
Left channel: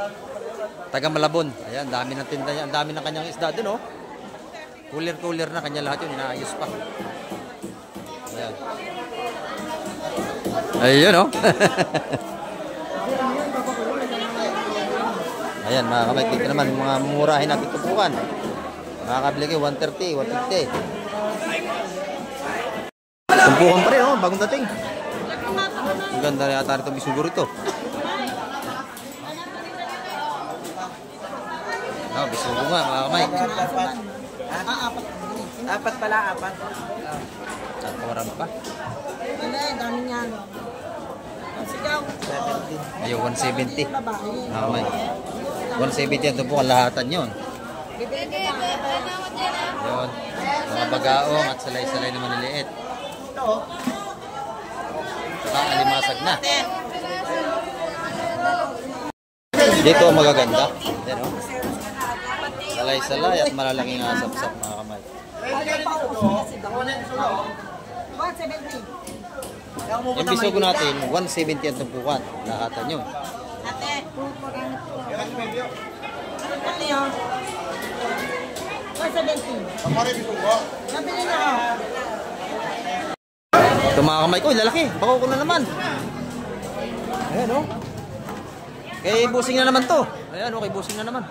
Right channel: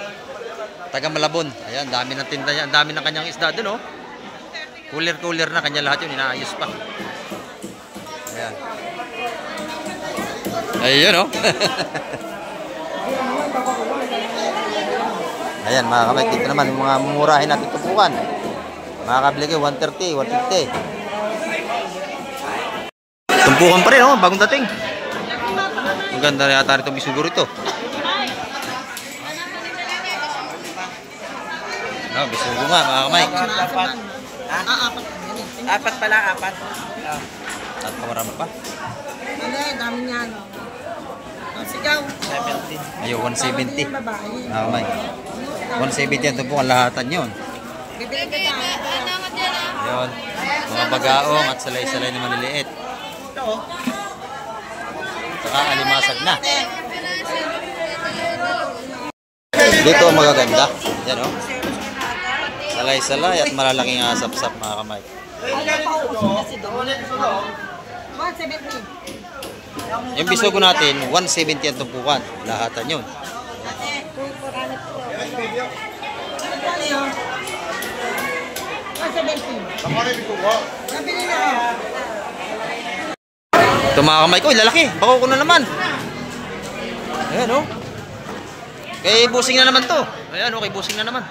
Taga Malabon. Ayan, dami ng tinda niya. Ang dami ng kanyang isda dun, oh. Cooler na kanya lahat yun. Inaayos pa. Ayan. Ayun, oh. Ayan, mga kamay. Dito naman yung mga mumurahin natin tumpukan. Makakabili kayo 130, 150. Tumpukan pa rin, oh. Bagong dating. Ang ganda rin yata itong bisugo rito. No, bisugo nga, mga kamay. Apat pala, apat. At kawaran pa. Ano yan, dami niya ano. Ang sigaw. Ayun, 170. Ah, Mike. 170 yan po ang lahatan yun. Bibili ka na. Ayun. Mga bagaong at salay-salay na maliliit. Saka alimasag na. Dito ang magaganda. Yan o. Salay-salay at malalaking asap-sap mga kamay. Yung bisogo natin, 170 ang tumpukan. Lahatan yun. Ito mga kamay ko, lalaki. Bako ko na naman. Ayan o. Kay busing na naman to. Ayan o, kay busing na naman.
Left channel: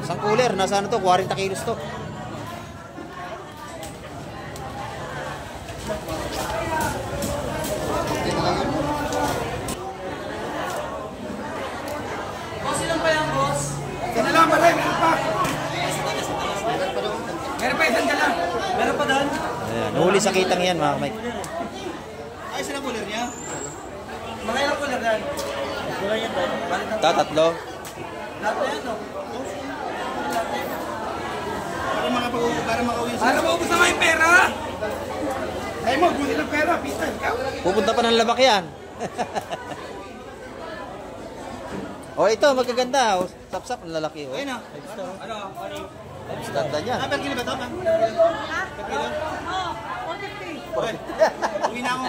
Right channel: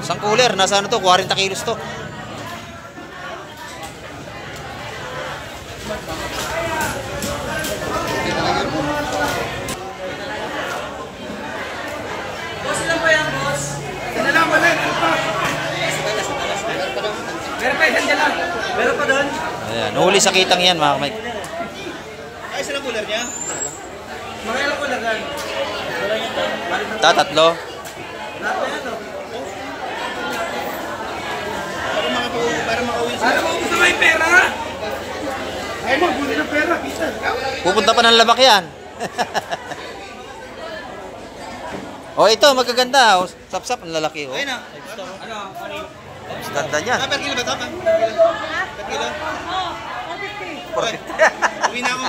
Isang cooler, nasa ano to, 40 kilos to. Ayan, nahuli sa kitang yan mga kamay. Ay, saan ang cooler niya? Tatlo. Para makauwi sila. Pupunta pa ng labak yan. O ito, magaganda. O, sap-sap, ang lalaki. O. Ayun na. Ganda niya. Per kilo ba ito? Per kilo? 450. Uwi na ako.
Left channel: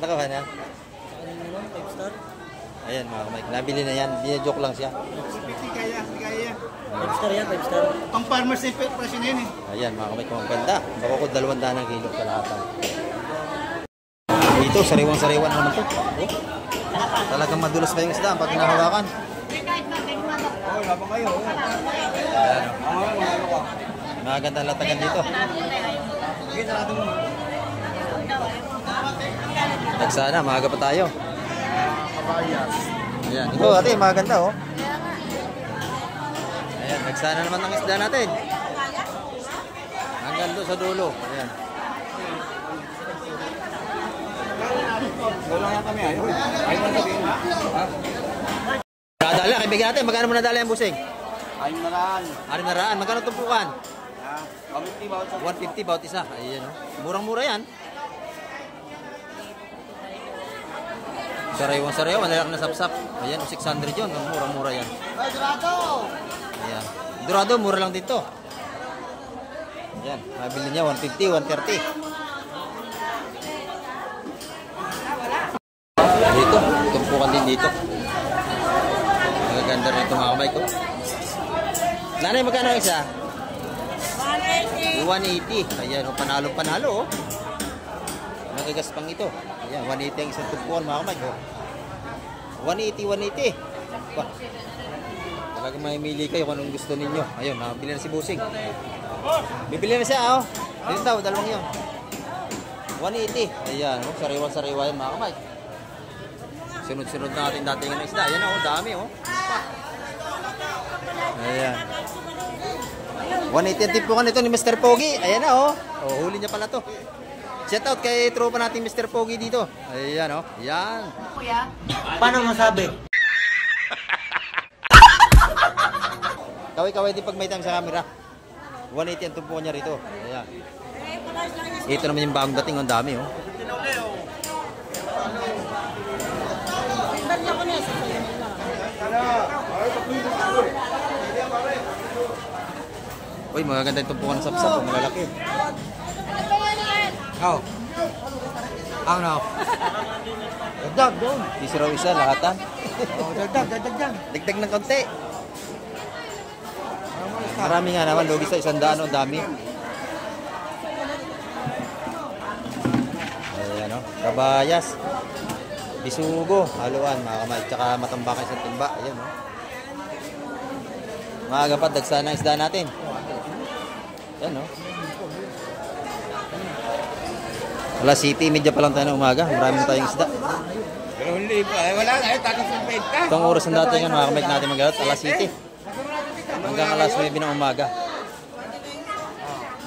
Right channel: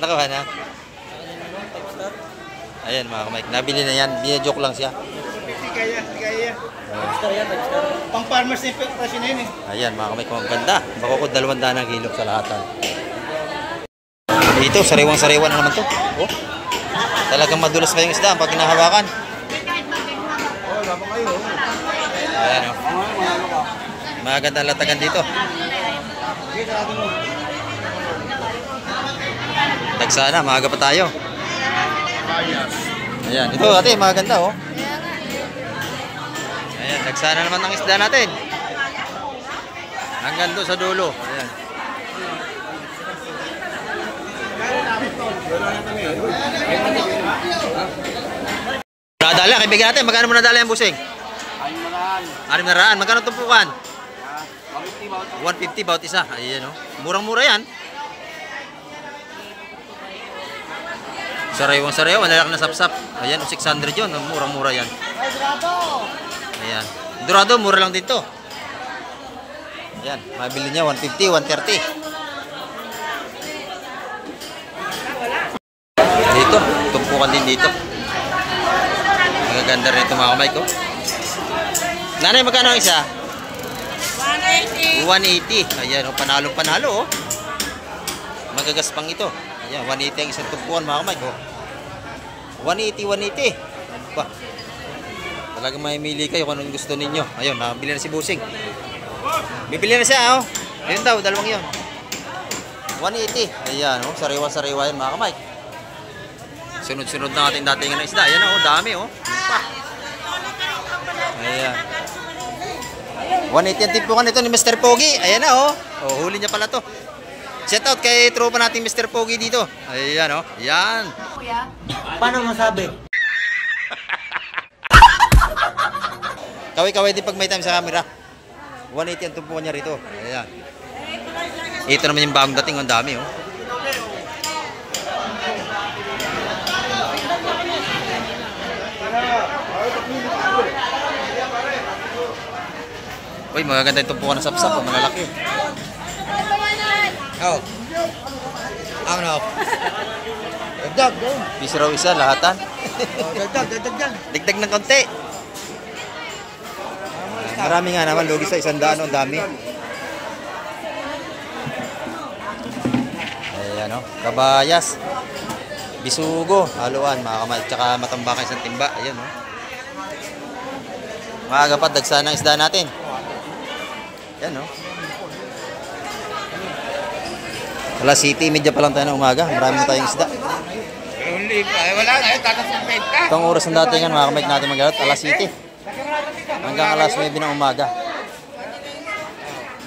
Nakawa na. Ayan mga kamay, nabili na yan. Bina-joke lang siya. 50 kaya, hindi kaya. Pang farmers na yung presyo na yun eh. Ayan mga kamay, kung ang ganda. Bako ko 200 ang kilo sa lahatan. Dito, sariwang-sariwan na naman to. Oh. Talagang madulas pa yung isda pag hinahawakan. Ayan o. Maganda ang latagan dito. Dagsana, maaga pa tayo. Ayan, ito ate, maganda oh. Ayan, dagsana naman ang isda natin. Hanggang doon sa dulo. Ayan. Nadala, kaibigan natin, magkano mo nadala yung busing? 600. Magkano tumpukan? 150 bawat isa. Ayan oh. Murang-mura yan. Sariwang-sariwa, malalaki na sap-sap. Ayan, 600 yun. Murang-mura yan. Ayan. Dorado, mura lang dito. Ayan, mabili niya 150, 130. Dito, tumpukan din dito. Magaganda rin ito mga kamay ko. Nanay, magkano ang isa? 180. Ayan, oh, panalo-panalo oh. Magagaspang ito. Ayan, 180 ang isang tumpukan mga kamay ko. 180, 180. Ba. Talagang mamimili kayo kung anong gusto ninyo. Ayun, nakabili na si Busing. Bibili na siya oh. Ayun daw, dalawang yun. 180. Ayan, oh, sariwa-sariwa yan mga kamay. Sunod-sunod na ating datingan ng isda. Ayan oh, dami oh. Pa. Ayan. 180 ang timpukan ito ni Mr. Pogi. Ayan na oh. Oh, huli niya pala to. Shout out kay tropa nating Mr. Pogi dito. Ayan oh. Ayan. Paano masabi? Kaway-kaway din pag may time sa camera. 180 ang tumpukan niya rito. Ayan. Ito naman yung bagong dating. Ang dami oh. Uy, magaganda yung tumpukan ng sapsap. Oh, malalaki. Oh. Ano? Dagdag, doon. Piso raw isa, lahatan. Dagdag dyan. Dagdag ng konti. Marami nga naman, logi sa 100, ang dami. Ayan o, kabayas. Bisugo, haluan, mga kamay. Tsaka matambakan isang timba. Ayan o. Maaga pa, dagsa ng isda natin. Ayan o. Alas City, medya pa lang tayo ng umaga. Marami na tayong isda. Wala na, takas ng 20. Itong oras ng datingan, mga kamay natin mag-alat. Alas City. Hanggang alas 9 ng umaga.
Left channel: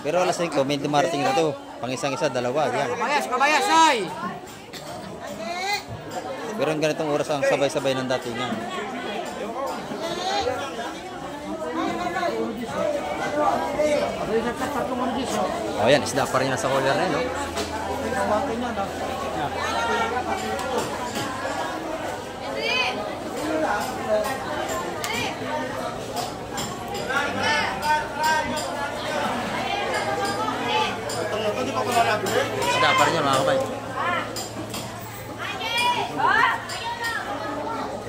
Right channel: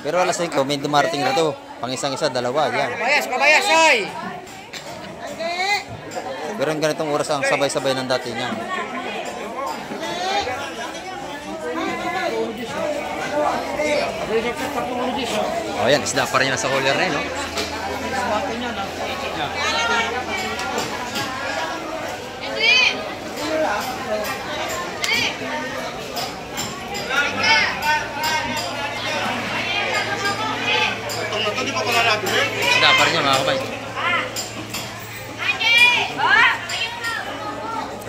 Pero alas 5, may dumarating na to. Pang isang-isa, dalawa. Yan. Kabayas, oy! Pero yung ganitong oras ang sabay-sabay ng datingan. Oh, yan. Isda pa rin nasa hauler na yun, no? Isda pa rin yan, mga kabay.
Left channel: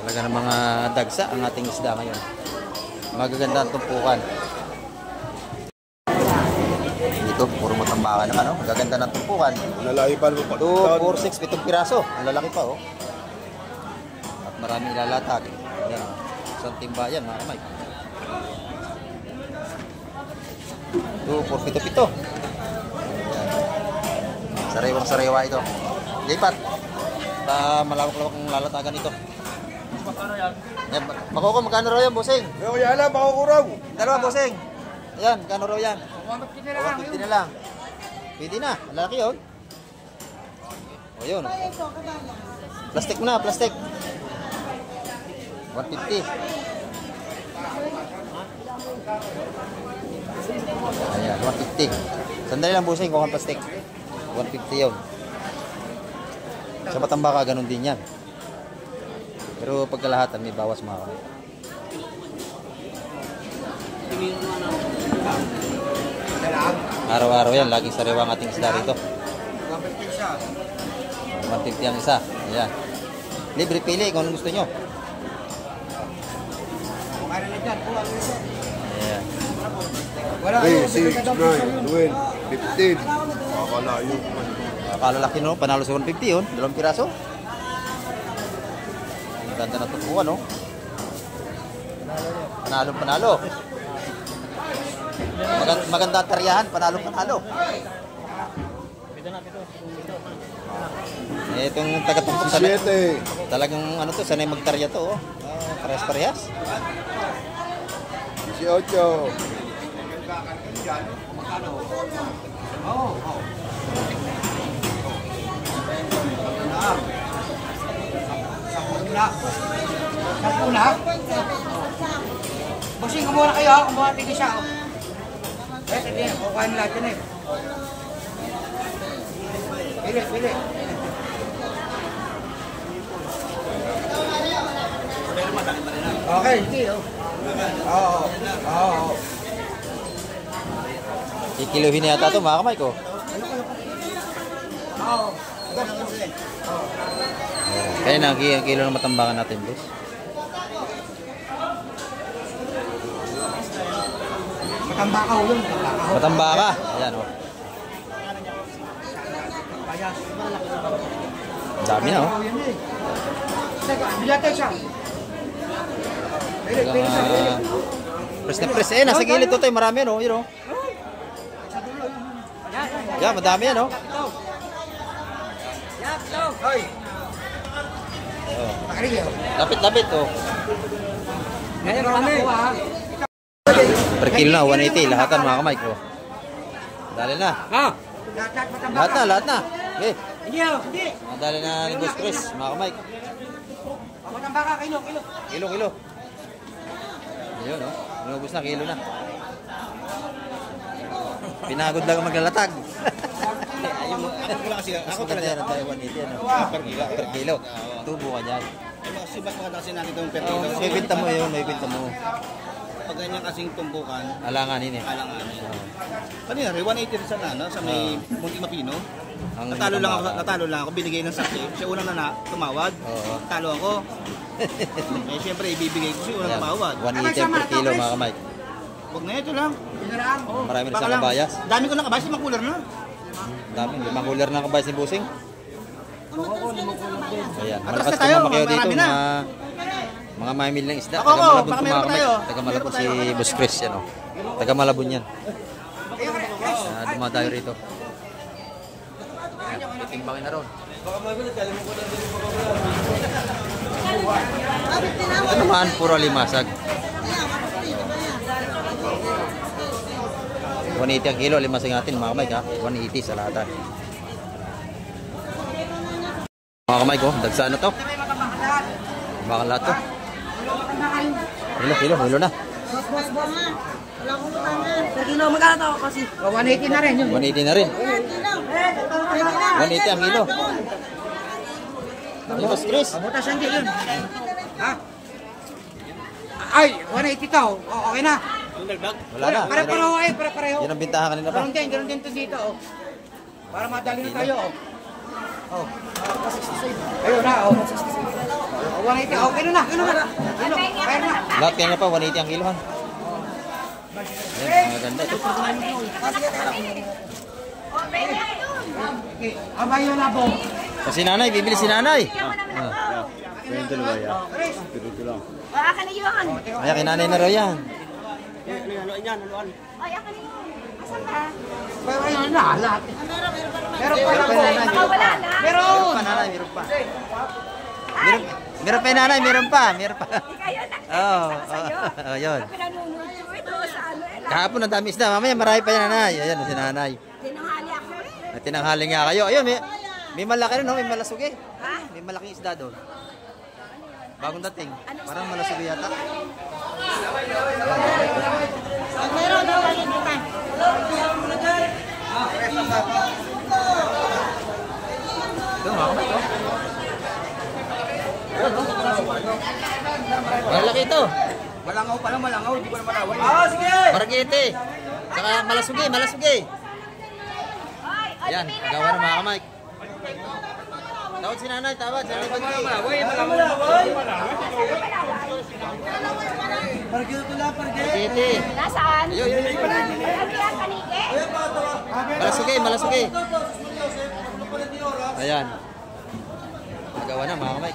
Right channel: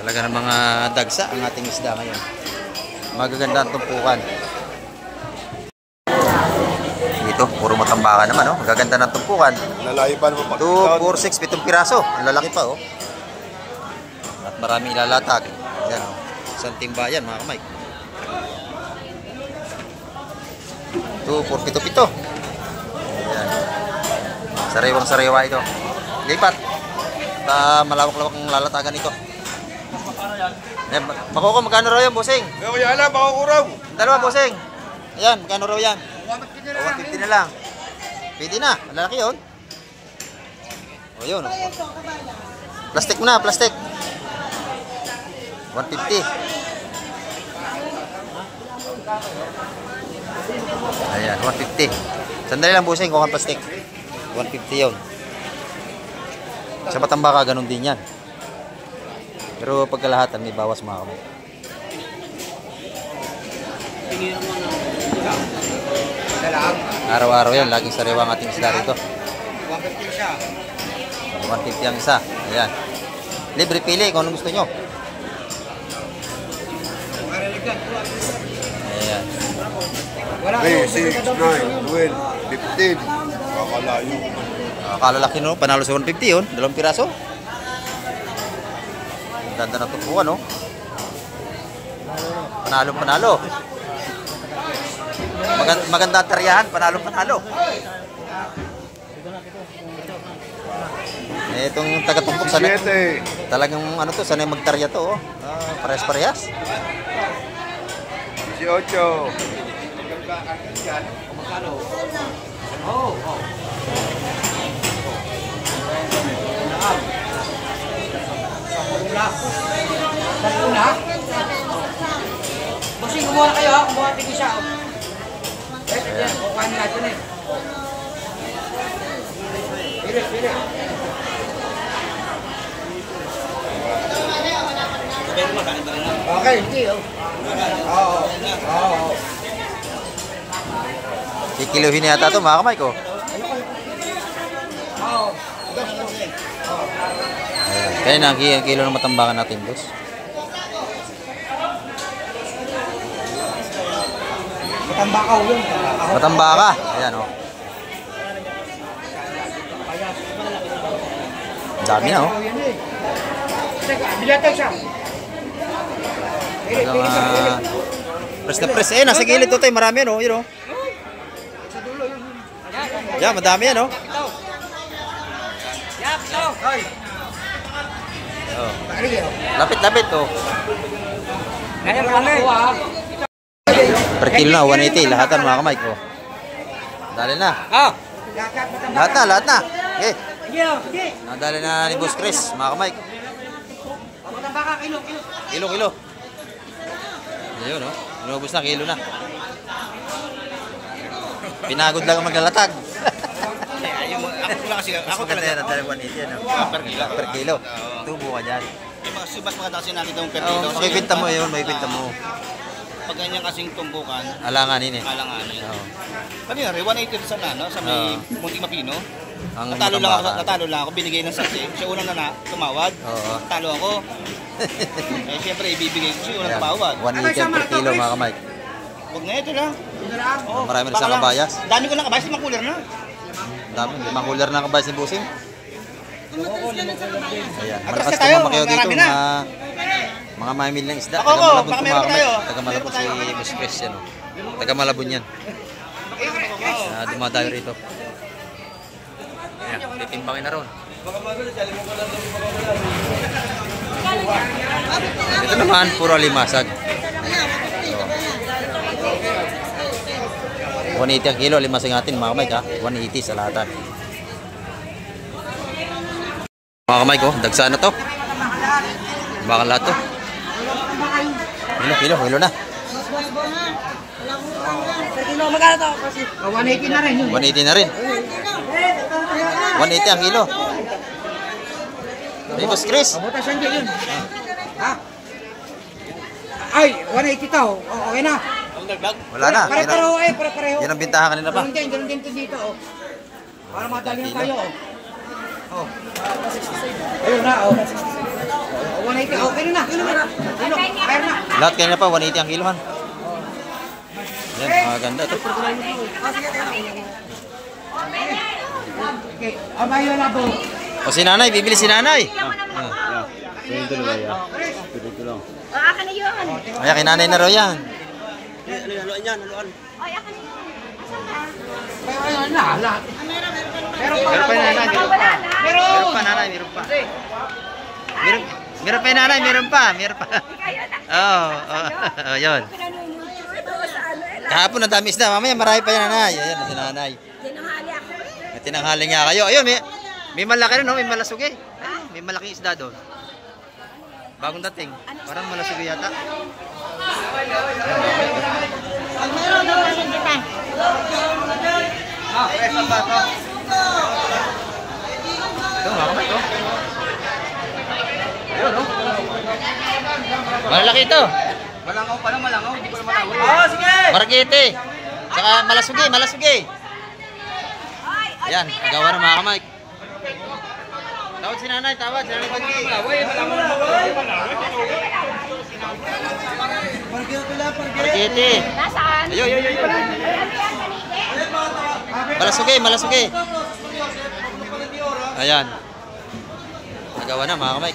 Talaga ng mga dagsa ang ating isda ngayon. Magaganda ang tumpukan. Dito, puro matambakan naman, oh. Magaganda ng tumpukan. Nalaipan mo pa. 2, 4, 6, 7 piraso. Ang lalaki pa, oh. At maraming ilalatag. Yan, oh. Isang timba yan, mga kamay. 2, 4, 7, 7. Yan. Sariwang-sariwa ito. Lipat. At malawak-lawak ang lalatagan ito. Yan, Makoko, magkano raw yan, bossing? Kaya alam, ako raw. Dalawa, bossing. Ayan, magkano raw yan? 150 na lang. Pwede na. Ang lalaki yun. O yun. Plastic mo na, plastic. 150. Ayan, 150. Sandali lang, bossing, kung ang plastic. 150 yun. Sa Matambaka, ganun din yan. Pero pagkalahatan, may bawas, mga kamay. Araw-araw yan, laging sariwa ang ating isda rito. 150 siya. 150 ang isa. Ayan. Libre pili kung anong gusto nyo. Ayan. 3, 6, 9, 12, 15. Kakalayo. Kalalaki no, panalo sa 150 yun. 2 piraso. Maganda na tupuan no. Panalo. Maganda ang taryahan, panalo. Itong taga-tumpok sanay. 7. Talagang ano to, sanay magtarya to, oh. Parehas-parehas. 18. Una. Bossing, kumuha na kayo, kumuha tigil siya. Ayan, kukuha nila ito na eh. Pili. Okay, hindi oh. Oo. Kikiluhin yata to, mga kamay ko. Kaya na, ang kilo ng matambakan natin, boss. Matambakaw yun. Matambaka. Ayan, oh. Ang dami na, oh. Bilata siya. Hanggang, press na press. Eh, nasa gilid to tayo. Marami yan, oh. Yun, oh. Yan, madami yan, oh. Oh. Lapit, oh. Kaya marami. Per kilo na, 180. Lahatan, mga kamay ko. Dali na. Lahat na. Okay. Nadali na ni Boss Chris, mga kamay. Matambaka, kilo. Kilo. Ayun, no? Inubos na, kilo na. Pinagod lang ang maglalatag. Ako talaga yan, dali 180 ano? Per kilo. Tubo ka dyan. Mga subas mga tasin natin itong per Oo, kilo. makipinta mo yun, makipinta mo. Pag ganyan kasing tumbukan, Alanganin eh. alanganin. Oo. Ano yun, 180 sa ano, sa may Munting Mapino. Ang Natalo lang ako, binigay ng saksi. Siya unang na tumawad. Oo. Talo ako. Eh siyempre ibibigay ko siya unang Ayan, tumawad. 180 per kilo, mga kamay. Huwag na ito lang. Marami na sa kabayas. Dami ko ng kabayas, 5 cooler na. Dami, 5 cooler na kabayas ni Busing. Ayan, malakas tayo, tumamakyaw dito, marami na. mga mamimili ng isda. Ako, Taga Malabon baka to, meron mga kamay. tayo. Taga Malabon si Boss Chris, yan o. Taga Malabon yan. Dumadayo rito. Ayan, titimbangin na ron. Ito naman, puro limasag. So, 180 ang kilo, limasing natin mga kamay ha. 180 sa lahatan. Mga kamay ko, dagsa na to. Bakal lahat to. Kilo na. Kilo, magkano to? 180 na rin. 180 na rin. 180 ang kilo. Bigos Chris. Butas hindi yun. Ha? Ay, 180 to. Okay na. Wala na. Pare-pareho eh, pare-pareho. Yan ang bintahan kanina pa. Ganun din to dito. Para madali na tayo. Ayun na. 180. Okay na. Kaya na. Lahat kanina pa 180 ang kilohan. Yan, maganda to. Okay. Amayo na po. O si nanay, bibili si nanay. Akan na yun. Ay, kay nanay na raw yan. Ayun na. Lahat. Pero Meron pa nanay, meron pa. Pero. Meron pa nanay, meron pa. Meron pa yung nanay, meron pa. Oh, yun. Kahapon ang dami isda, mamaya marami pa yung nanay. Ayan, si nanay. Tinanghali niya kayo. Ayun, may malaki rin, no? May malasugi. Ayun, may malaking isda doon. Bagong dating. Parang malasugi yata. Ayan, mamaya ito. Ito, mga kamay ito. Ayun, no? Malaki ito. Malangaw pala, malangaw. Hindi ko na matawag. Sige. Maragete. Saka malasugi. Ayan, agawa na mga kamay. Tawad si nanay, Pagki. Maragete. Nasaan? Ayun. Malasugi. Ayan. Agawa na mga kamay.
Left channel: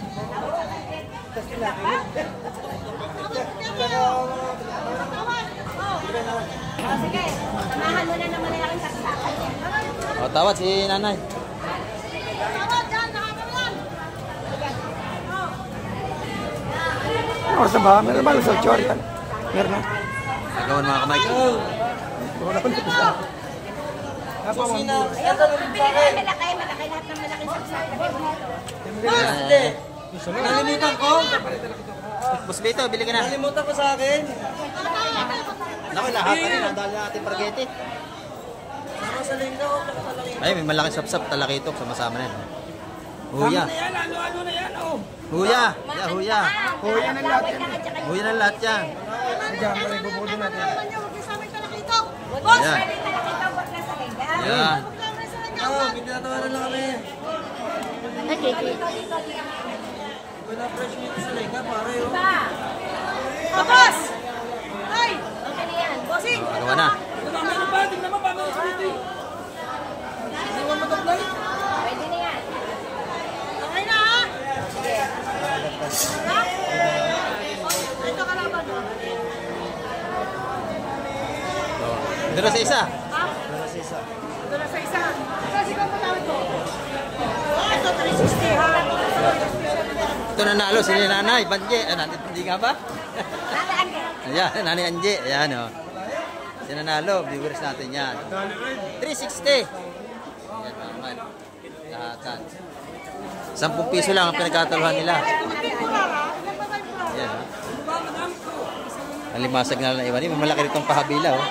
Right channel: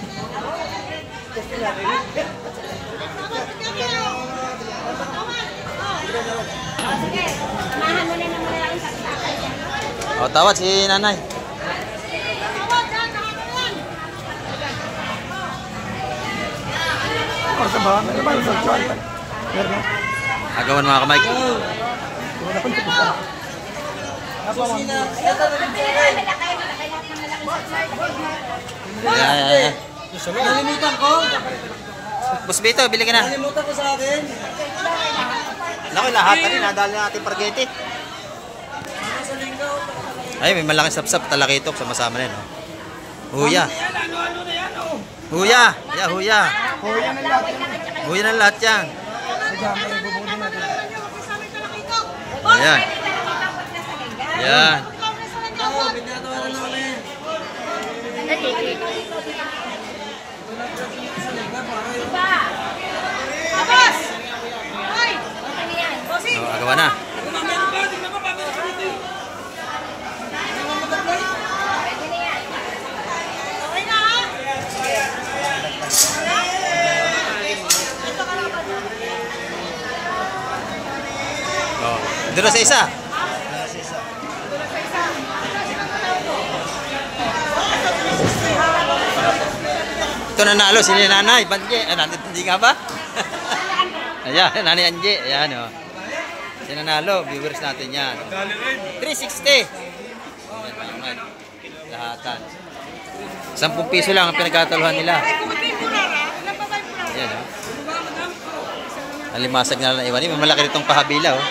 Samahan mo na ng malaking saksakan yan. O, tawad si nanay. Sa ba? Meron ba sa chuan? Meron na. Agawan mga kamay. Malaki lahat ng malaking saksakan. Ayan. Nalimutan ko. Boss Beto, bili ka na. Nalimutan ko sa akin. Naku, lahat na rin. Nadali na natin pargete. Ay, may malaking sapsap talakitok. Sama-sama na yun. Huya. Huya ng lahat yan. Ayan. Ayan. Pinatawaran na kami. Tapos! O, agawa na. Dito sa isa. Ito nanalo si nanay, Banje. Hindi nga ba? Ayan, nanay Anje. Ayan o. Si nanalo, viewers natin yan. 360. Lahatan. 10 piso lang ang pinagkataluhan nila. Ayan o. Alimasag na lang iwan. May malaki ritong pahabila o.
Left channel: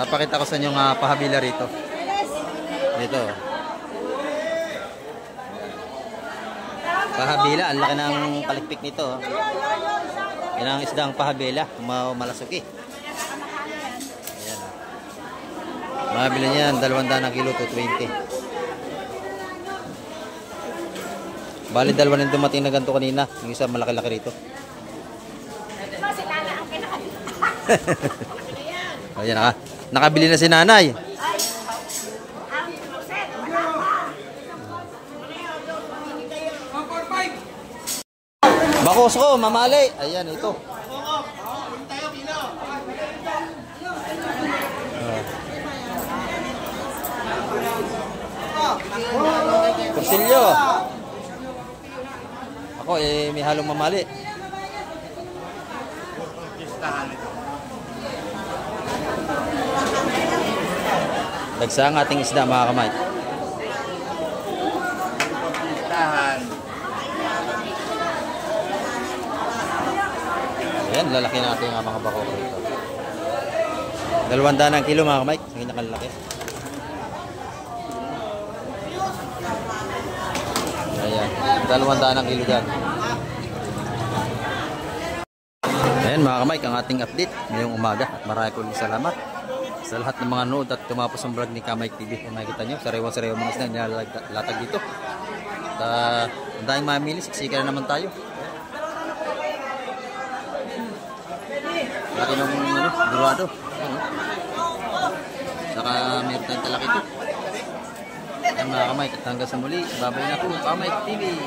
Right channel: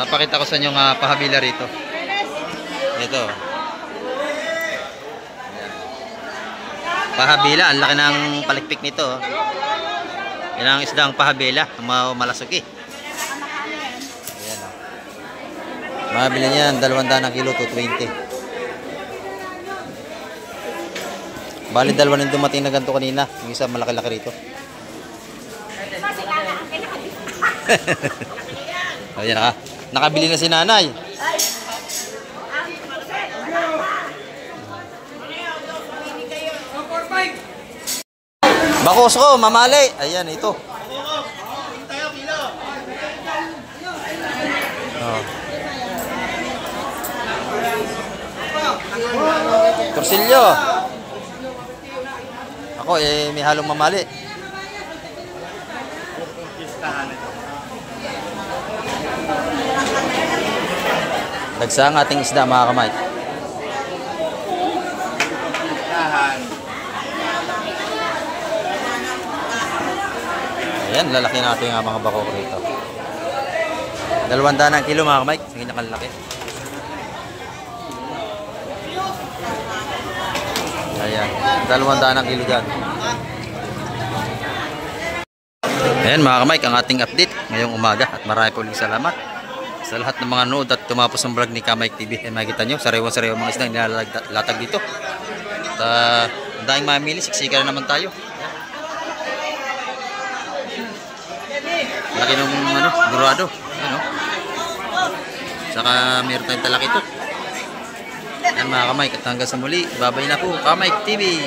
Papakita ko sa inyo nga pahabila rito. Ito. Pahabila, ang laki ng palikpik nito. Yan ang isdang pahabila, malasuki. Ayan o. Mahabila niya, 200 ang kilo, 220. Bali, dalawa na yung dumating na ganito kanina. Yung isa malaki-laki rito. Ayan na. Nakabili na si nanay. Bakos ko, mamali. Ayan, ito. Oh. Torsilyo. Ako bako eh may halong mamali. Dagsa ang ating isda mga kamay. Ayan, lalaki natin ang mga bako rito. 200 ang kilo mga kamay. Sige nakalaki. Ayan, 200 ang kilo dyan. Ayan mga kamay, ang ating update ngayong umaga. At marami po ulit salamat sa lahat ng mga nood at tumapos ang vlog ni Kamike TV. Ayan, makikita nyo, sariwa-sariwa mga isda nilalatag dito. At ang daming mamili, siksika na naman tayo. Laki nung durado. Ano? Saka meron tayong talaki ito. Yan mga Kamike, at hanggang sa muli, babay na po Kamike TV.